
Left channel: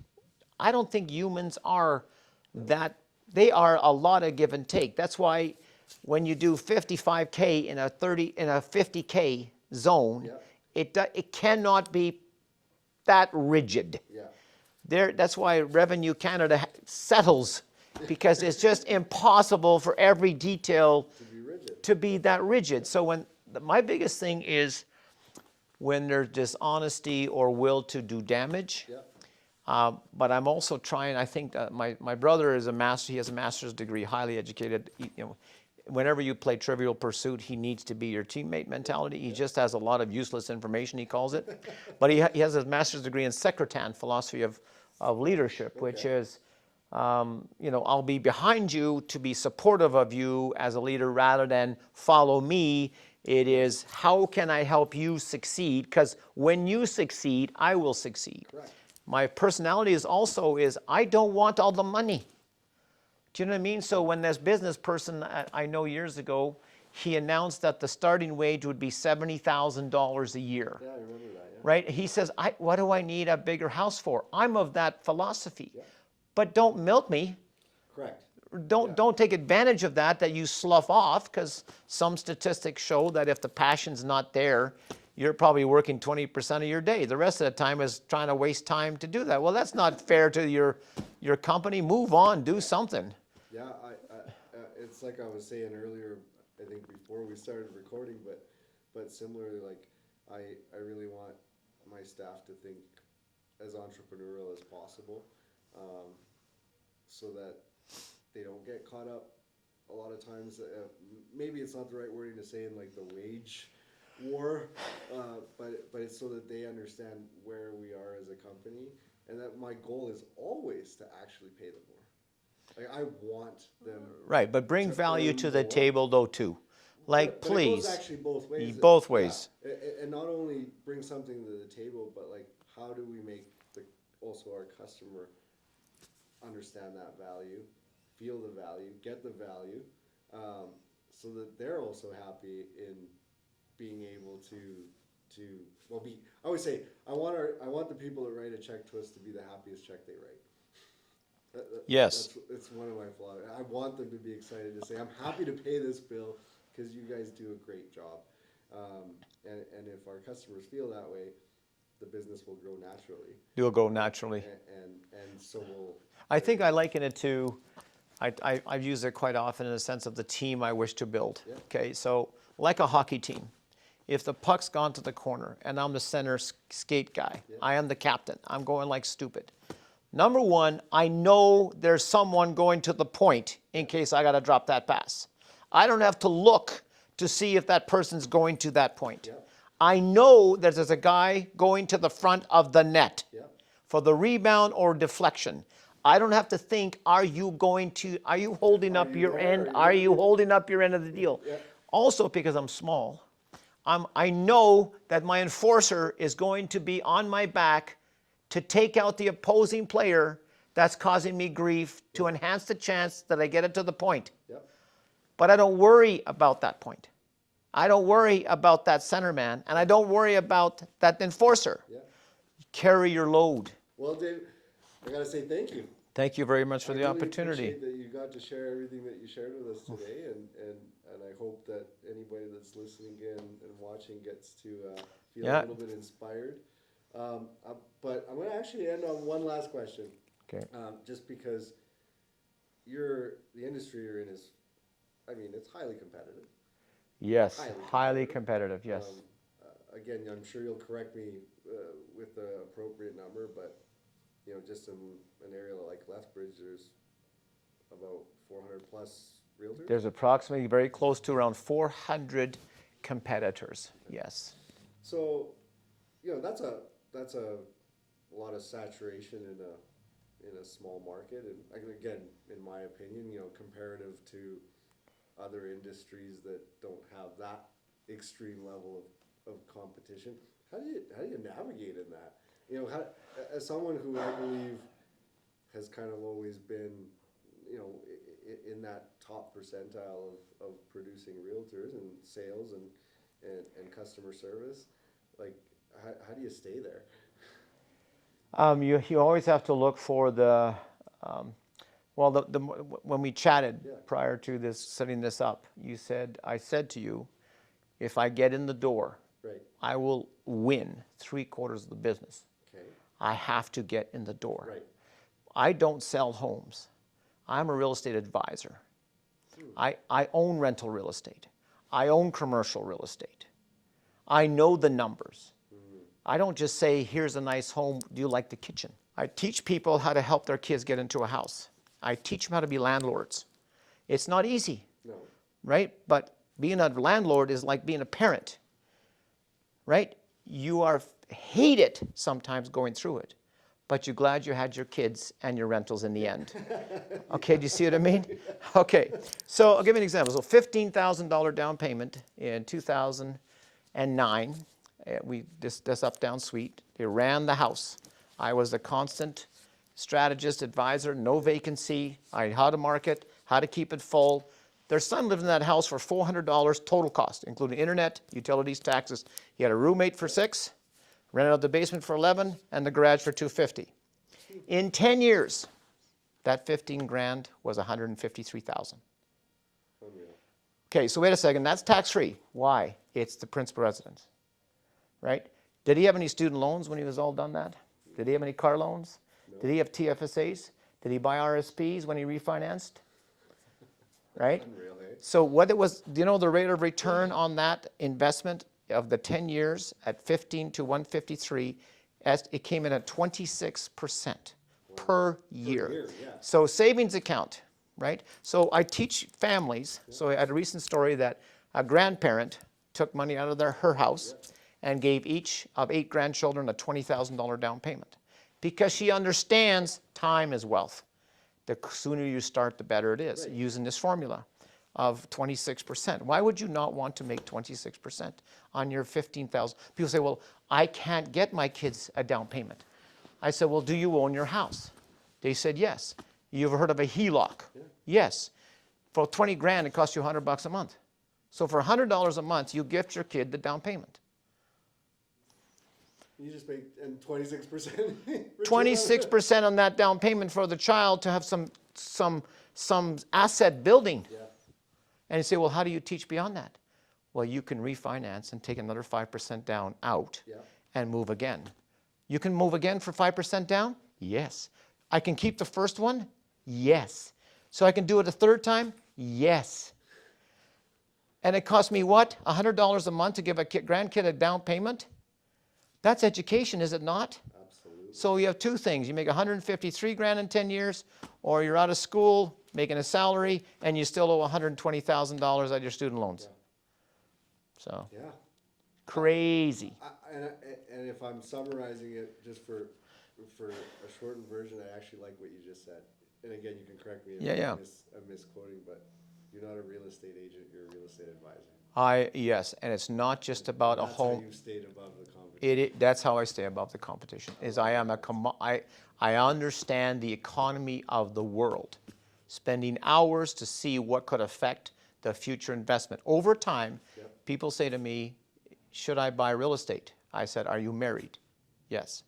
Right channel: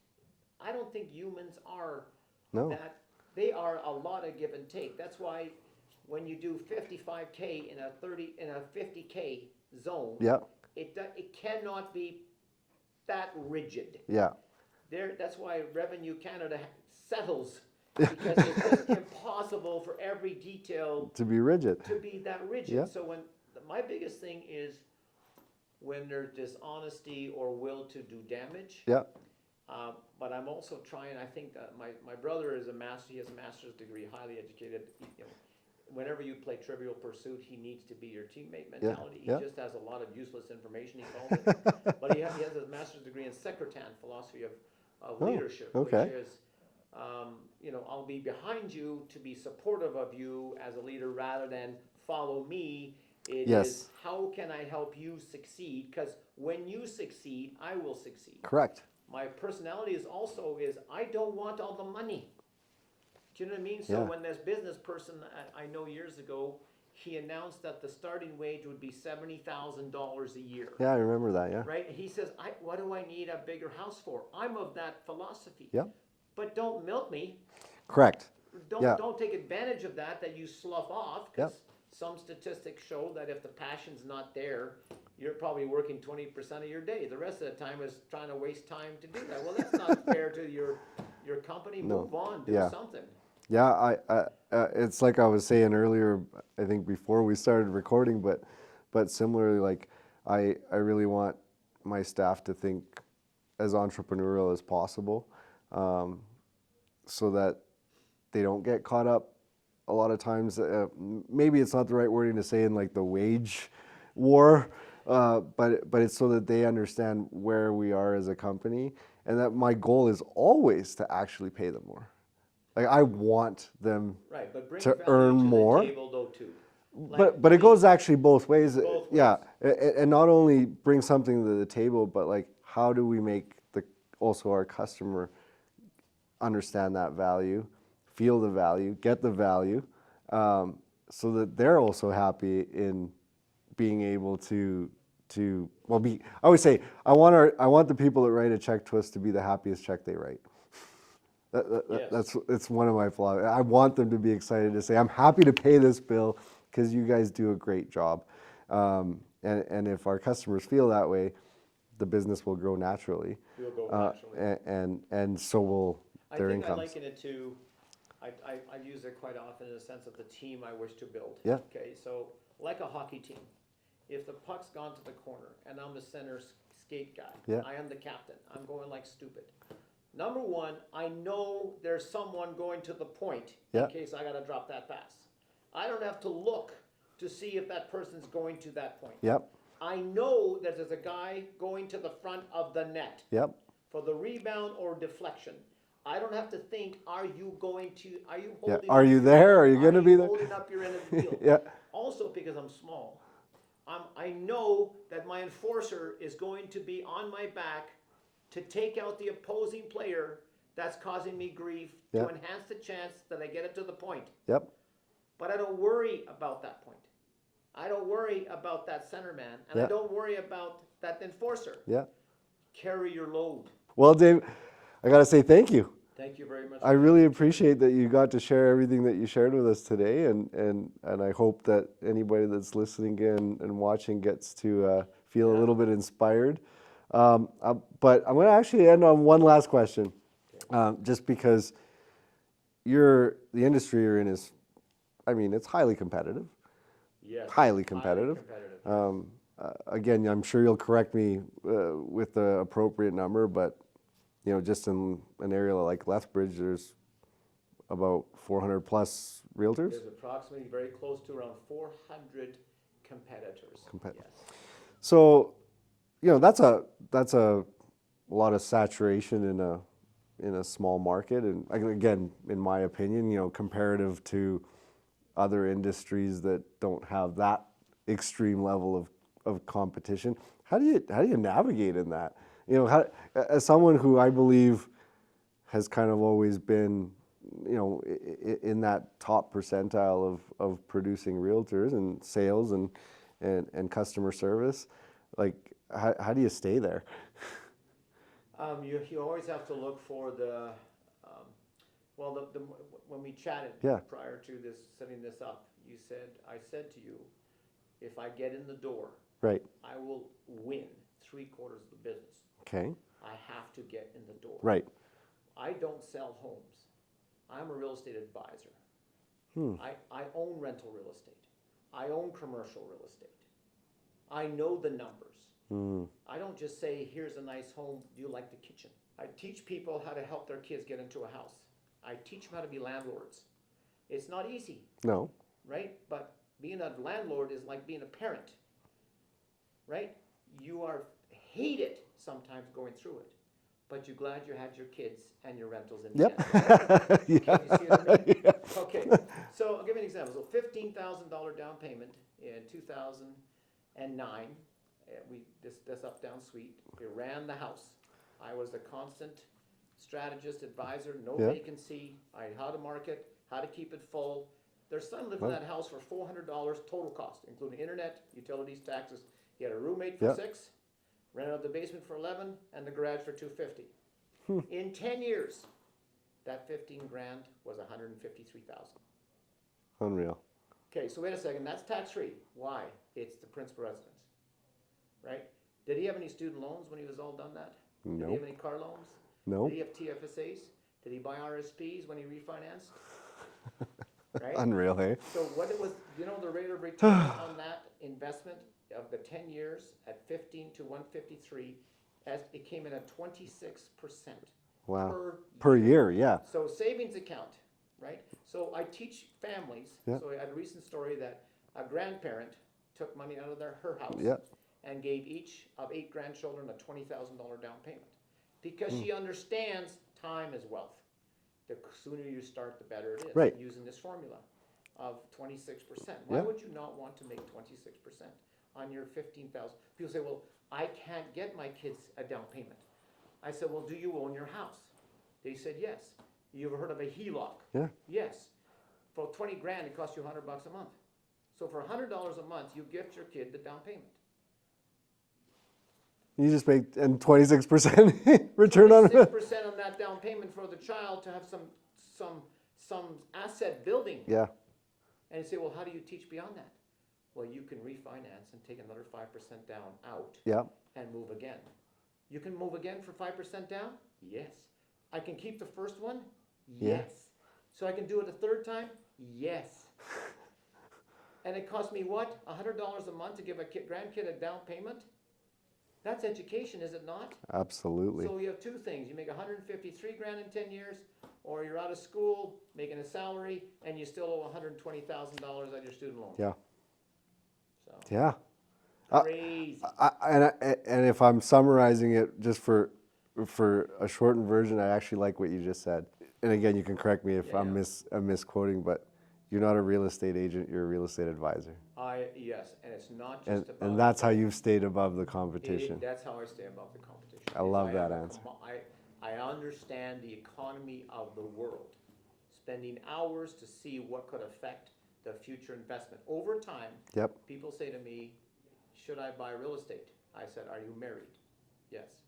I don't think humans are that. They are a lot of give and take. That's why when you do 55K in a 50K zone, Yeah. it cannot be that rigid. Yeah. That's why Revenue Canada settles, because it's just impossible for every detail To be rigid. to be that rigid. Yeah. So my biggest thing is when there's dishonesty or will to do damage. Yeah. But I'm also trying. I think my brother is a master. He has a master's degree, highly educated. Whenever you play Trivial Pursuit, he needs to be your teammate mentality. He just has a lot of useless information, he calls it. But he has his master's degree in Secretan, philosophy of leadership, which is, I'll be behind you to be supportive of you as a leader rather than follow me. It is, how can I help you succeed? Because when you succeed, I will succeed. Correct. My personality is I don't want all the money. Do you know what I mean? So when this business person I know years ago, he announced that the starting wage would be $70,000 a year. Yeah, I remember that. Yeah. Right? He says, what do I need a bigger house for? I'm of that philosophy. Yeah. But don't milk me. Correct. Don't take advantage of that you slough off, because some statistics show that if the passion's not there, you're probably working 20% of your day. The rest of the time is trying to waste time to do that. Well, that's not fair to your company. Move on, do something. Yeah, it's like I was saying earlier, I think before we started recording, but similarly, like I really want my staff to think as entrepreneurial as possible, so that they don't get caught up a lot of times. Maybe it's not the right wording to say in like the wage war, but it's so that they understand where we are as a company, and that my goal is always to actually pay them more. Like I want them right, but bring to value earn to the more. table though too. Like, but it goes please. actually both ways. Both ways. Yeah, and not only bring something to the table, but like how do we make also our customer understand that value, feel the value, get the value, so that they're also happy in being able to be. I always say I want the people that write a check to us to be the happiest check they write. Yes. It's one of my flaws. I want them to be excited to say, I'm happy to pay this bill because you guys do a great job. And if our customers feel that way, the business will grow naturally. You'll go naturally. And so will I their think I incomes. liken it to, I use it quite often in the sense of the team I wish to build. Yeah. Okay, so like a hockey team, if the puck's gone to the corner and I'm the center skate guy, I am the captain, I'm going like stupid. Number one, I know there's someone going to the point in case I got to drop that pass. I don't have to look to see if that person's going to that point. Yep. I know that there's a guy going to the front of the net for the rebound or deflection. I don't have to think, are you holding Are up you your there? end? Are Are you you gonna be holding up your end of the deal? Also, because I'm small, I know that my enforcer is going to be on my back to take out the opposing player that's causing me grief, to enhance the chance that I get it to the point. Yep. But I don't worry about that point. I don't worry about that center man, and I don't worry about that enforcer. Yeah. Carry your load. Well, Dave, I got to say thank you. Thank you very much for I the really opportunity. appreciate that you got to share everything that you shared with us today, and I hope that anybody that's listening and watching gets to feel a little bit inspired. But I'm going to actually end on one last question, just because the industry you're in is, it's highly competitive. Yes. Highly competitive. Highly competitive, yes. Again, I'm sure you'll correct me with the appropriate number, but just in an area like Lethbridge, there's about 400 plus realtors. There's approximately very close to around 400 competitors. Yes. So, that's a lot of saturation in a small market, and again, in my opinion, comparative to other industries that don't have that extreme level of competition. How do you navigate in that? As someone who I believe has kind of always been, in that top percentile of producing realtors and sales and customer service, like how do you stay there? You always have to look for the, well, when we chatted Yeah. prior to this, setting this up, I said to you, if I get in the door, Right. I will win 3/4 of the business. Okay. I have to get in the door. Right. I don't sell homes. I'm a real estate advisor. I own rental real estate. I own commercial real estate. I know the numbers. I don't just say, here's a nice home, do you like the kitchen? I teach people how to help their kids get into a house. I teach them how to be landlords. It's not easy, No. right? But being a landlord is like being a parent, right? You hate it sometimes going through it, but you're glad you had your kids and your rentals in the end. Okay, do you see what I mean? Okay, so I'll give you an example. So $15,000 down payment in 2009. This up down suite. We ran the house. I was a constant strategist, advisor, no vacancy. I how to market, how to keep it full. Their son lived in that house for $400 total cost, including internet, utilities, taxes. He had a roommate for 6, rented out the basement for 11, and the garage for $250. In 10 years, that 15 grand was $153,000. Unreal. Okay, so wait a second, that's tax-free. Why? It's the principal residence, right? Did he have any student loans when he was all done that? Did he have any car loans? No. Did he have TFSAs? Did he buy RSPs when he refinanced? Right? Unreal, hey? So what it was, do you know the rate of return on that investment of the 10 years at 15 to 153, it came in at 26% Wow. per year. Per year, yeah. So savings account, right? So I teach families. So I had a recent story that a grandparent took money out of her house Yeah. and gave each of 8 grandchildren a $20,000 down payment because she understands time is wealth. The sooner you start, the better it is, Right. using this formula of 26%. Why would you not want to make 26% on your 15,000? People say, well, I can't get my kids a down payment. I said, well, do you own your house? They said, yes. You've heard of a HELOC? Yeah. Yes. For 20 grand, it costs you $100 a month. So for $100 a month, you gift your kid the down payment. You just make and 26% return on it. 26% on that down payment for the child to have some asset building. Yeah. And you say, well, how do you teach beyond that? Well, you can refinance and take another 5% down out Yeah. and move again. You can move again for 5% down? Yes. I can keep the first one? Yes. So I can do it a third time? Yes. And it cost me what? $100 a month to give a grandkid a down payment? That's education, is it not? Absolutely. So you have two things. You make 153 grand in 10 years, or you're out of school making a salary and you still owe $120,000 on your student loans. Yeah. So Yeah. crazy. And if I'm summarizing it just for a shortened version, I actually like what you just said. And again, you can correct me if I'm misquoting, but you're not a real estate agent, you're a real estate advisor. Yes, and it's not just about and that's a how home. you've stayed above the competition. That's how I stay above the competition. I love I understand the economy of the world, spending hours to see what could affect the future investment. Over time, Yep. people say to me, should I buy real estate? I said, are you married? Yes.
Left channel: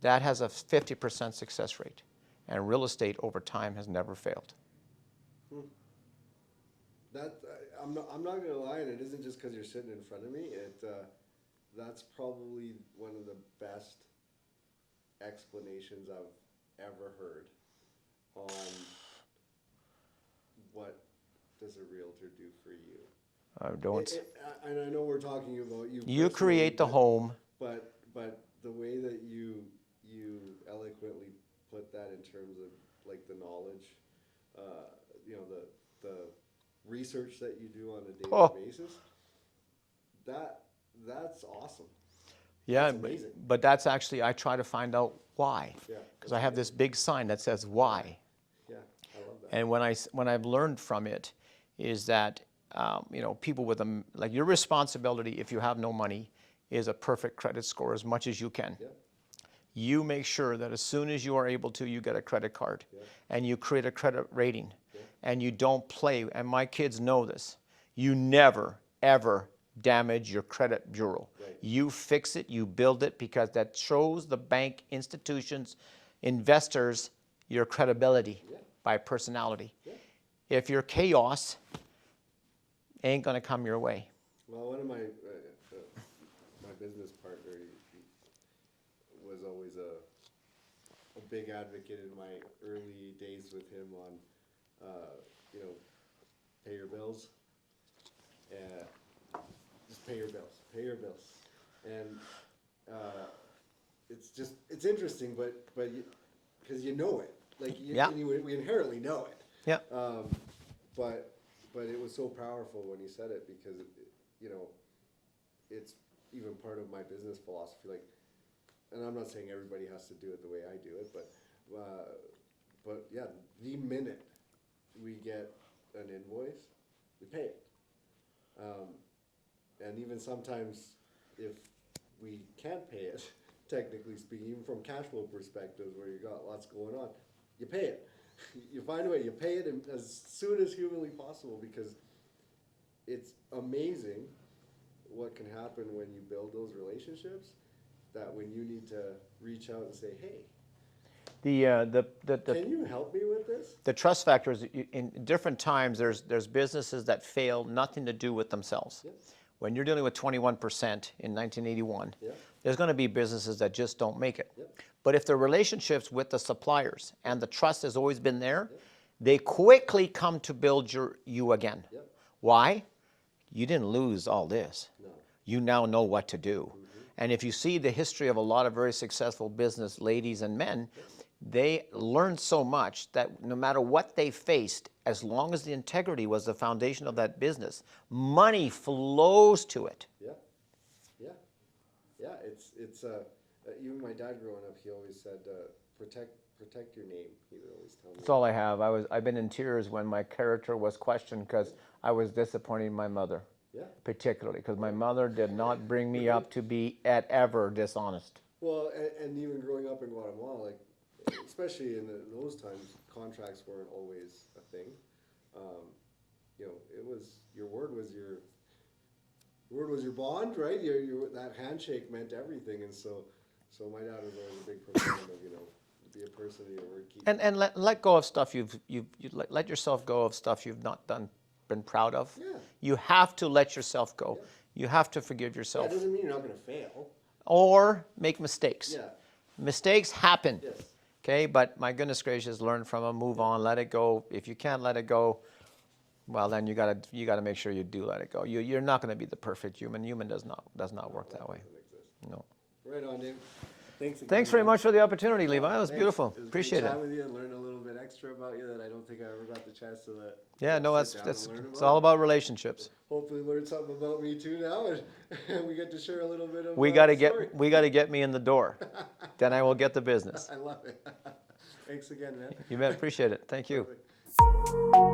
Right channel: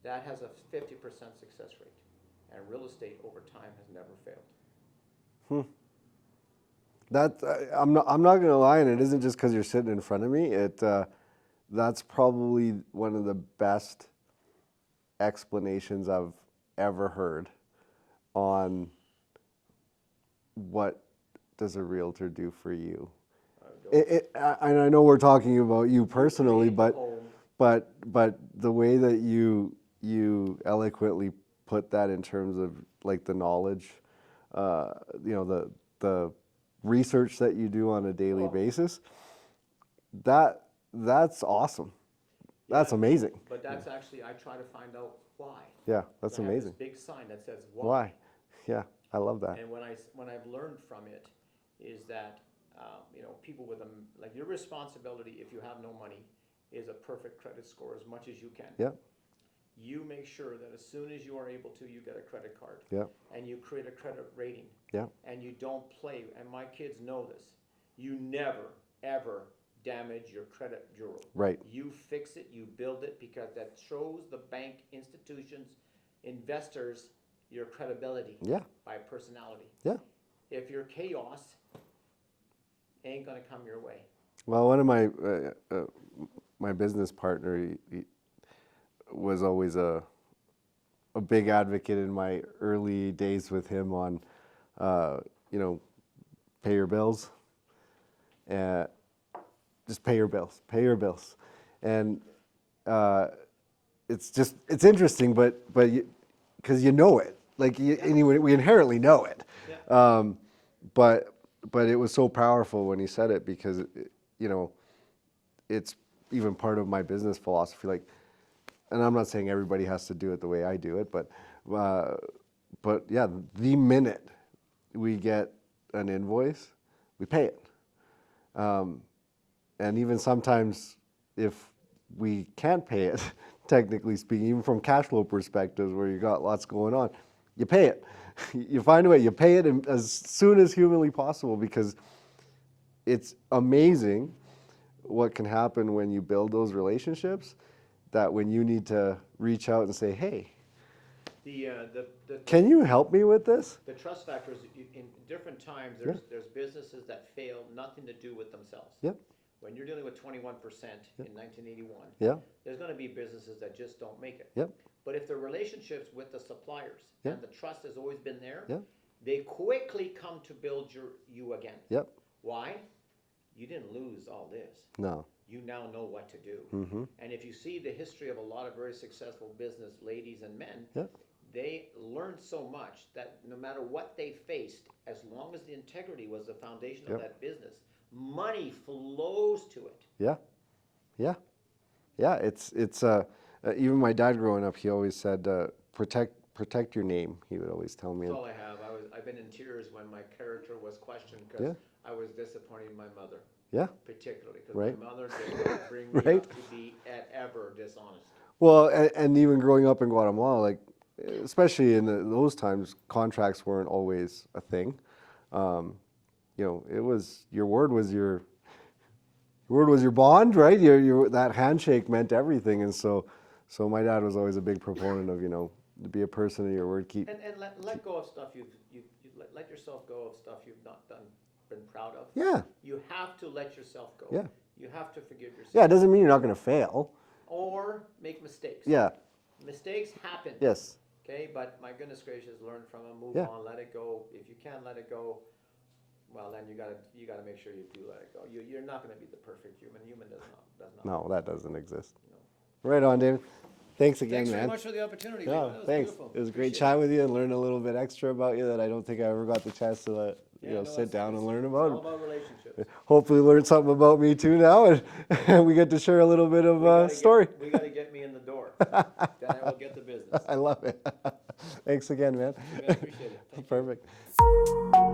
That has a 50% success rate, and real estate over time has never failed. I'm not going to lie, and it isn't just because you're sitting in front of me. That's probably one of the best explanations I've ever heard on what does a realtor do for you. And I know we're talking about you personally, you create the home. but the way that you eloquently put that in terms of like the knowledge, the research that you do on a daily basis, that's awesome. That's amazing. But that's actually, I try to find out why. Yeah, Because that's I have this amazing. big sign that says why. Yeah, I love that. And when I've learned from it is that, people with like your responsibility, if you have no money, is a perfect credit score as much as you can. Yeah, You make sure that as soon as you are able to, you get a credit card. Yeah. And you create a credit rating. Yeah. And you don't play, and my kids know this. You never, ever damage your credit bureau. Right. You fix it, you build it, because that shows the bank, institutions, investors your credibility Yeah. by personality. Yeah. If you're chaos, ain't gonna come your way. Well, one of my business partner, he was always a big advocate in my early days with him on, you know, pay your bills, and just pay your bills, and it's interesting, but because you know it, like Yeah. anyway, we inherently know it. Yeah. But it was so powerful when he said it, because you know, it's even part of my business philosophy. Like, and I'm not saying everybody has to do it the way I do it, but yeah, the minute we get an invoice, we pay it. And even sometimes if we can't pay it, technically speaking, even from cash flow perspectives where you got lots going on, you pay it. You find a way, you pay it as soon as humanly possible, because it's amazing what can happen when you build those relationships, that when you need to reach out and say, hey, can you help me with this? The trust factor is in different times. There's businesses that fail, nothing to do with themselves. Yep. When you're dealing with 21% in 1981, Yeah. there's going to be businesses that just don't make it. Yep. But if the relationships with the suppliers and the trust has always been there, Yep. they quickly come to build you again. Yep. Why? You didn't lose all this. No. You now know what to do. And if you see the history of a lot of very successful business ladies and men, Yes. they learned so much that no matter what they faced, as long as the integrity was the foundation of that business, money flows to it. Yeah, yeah, yeah. It's even my dad growing up, he always said, protect your name. He would always tell me. That's all I have. I've been in tears when my character was questioned because I was disappointing my mother. Yeah. Particularly because my Right. mother did not bring me Right. up to be at ever dishonest. Well, and even growing up in Guatemala, like especially in those times, contracts weren't always a thing. You know, it was your word was your bond, right? Your that handshake meant everything, and so my dad was always a big proponent of, you know, to be a person of your word. Keep And let go of stuff you let yourself go of stuff you've not been proud of. Yeah. You have to let yourself go. Yeah. You have to forgive Yeah, yourself. it doesn't mean you're not going to fail. Or make mistakes. Yeah. Mistakes happen. Yes. Okay, but my goodness gracious, learn from them, move Yeah. on, let it go. If you can't let it go, well then you gotta make sure you do let it go. You're not going to be the perfect human. Human does not No, work that way. doesn't exist. No. Right on, David. Thanks again. Thanks very man. much for the opportunity, No, Levi. That was thanks. beautiful. It was Appreciate great chatting with you and learn a little bit extra about you that I don't think I ever got the chance to Yeah, no, sit down and learn it's about. all about relationships. Hopefully, learn something about me too now, and we get to share a little bit of We got to story. get me in the door. Then I will get the business. I love it. Thanks again, man. You bet. Appreciate it. Thank you. Perfect.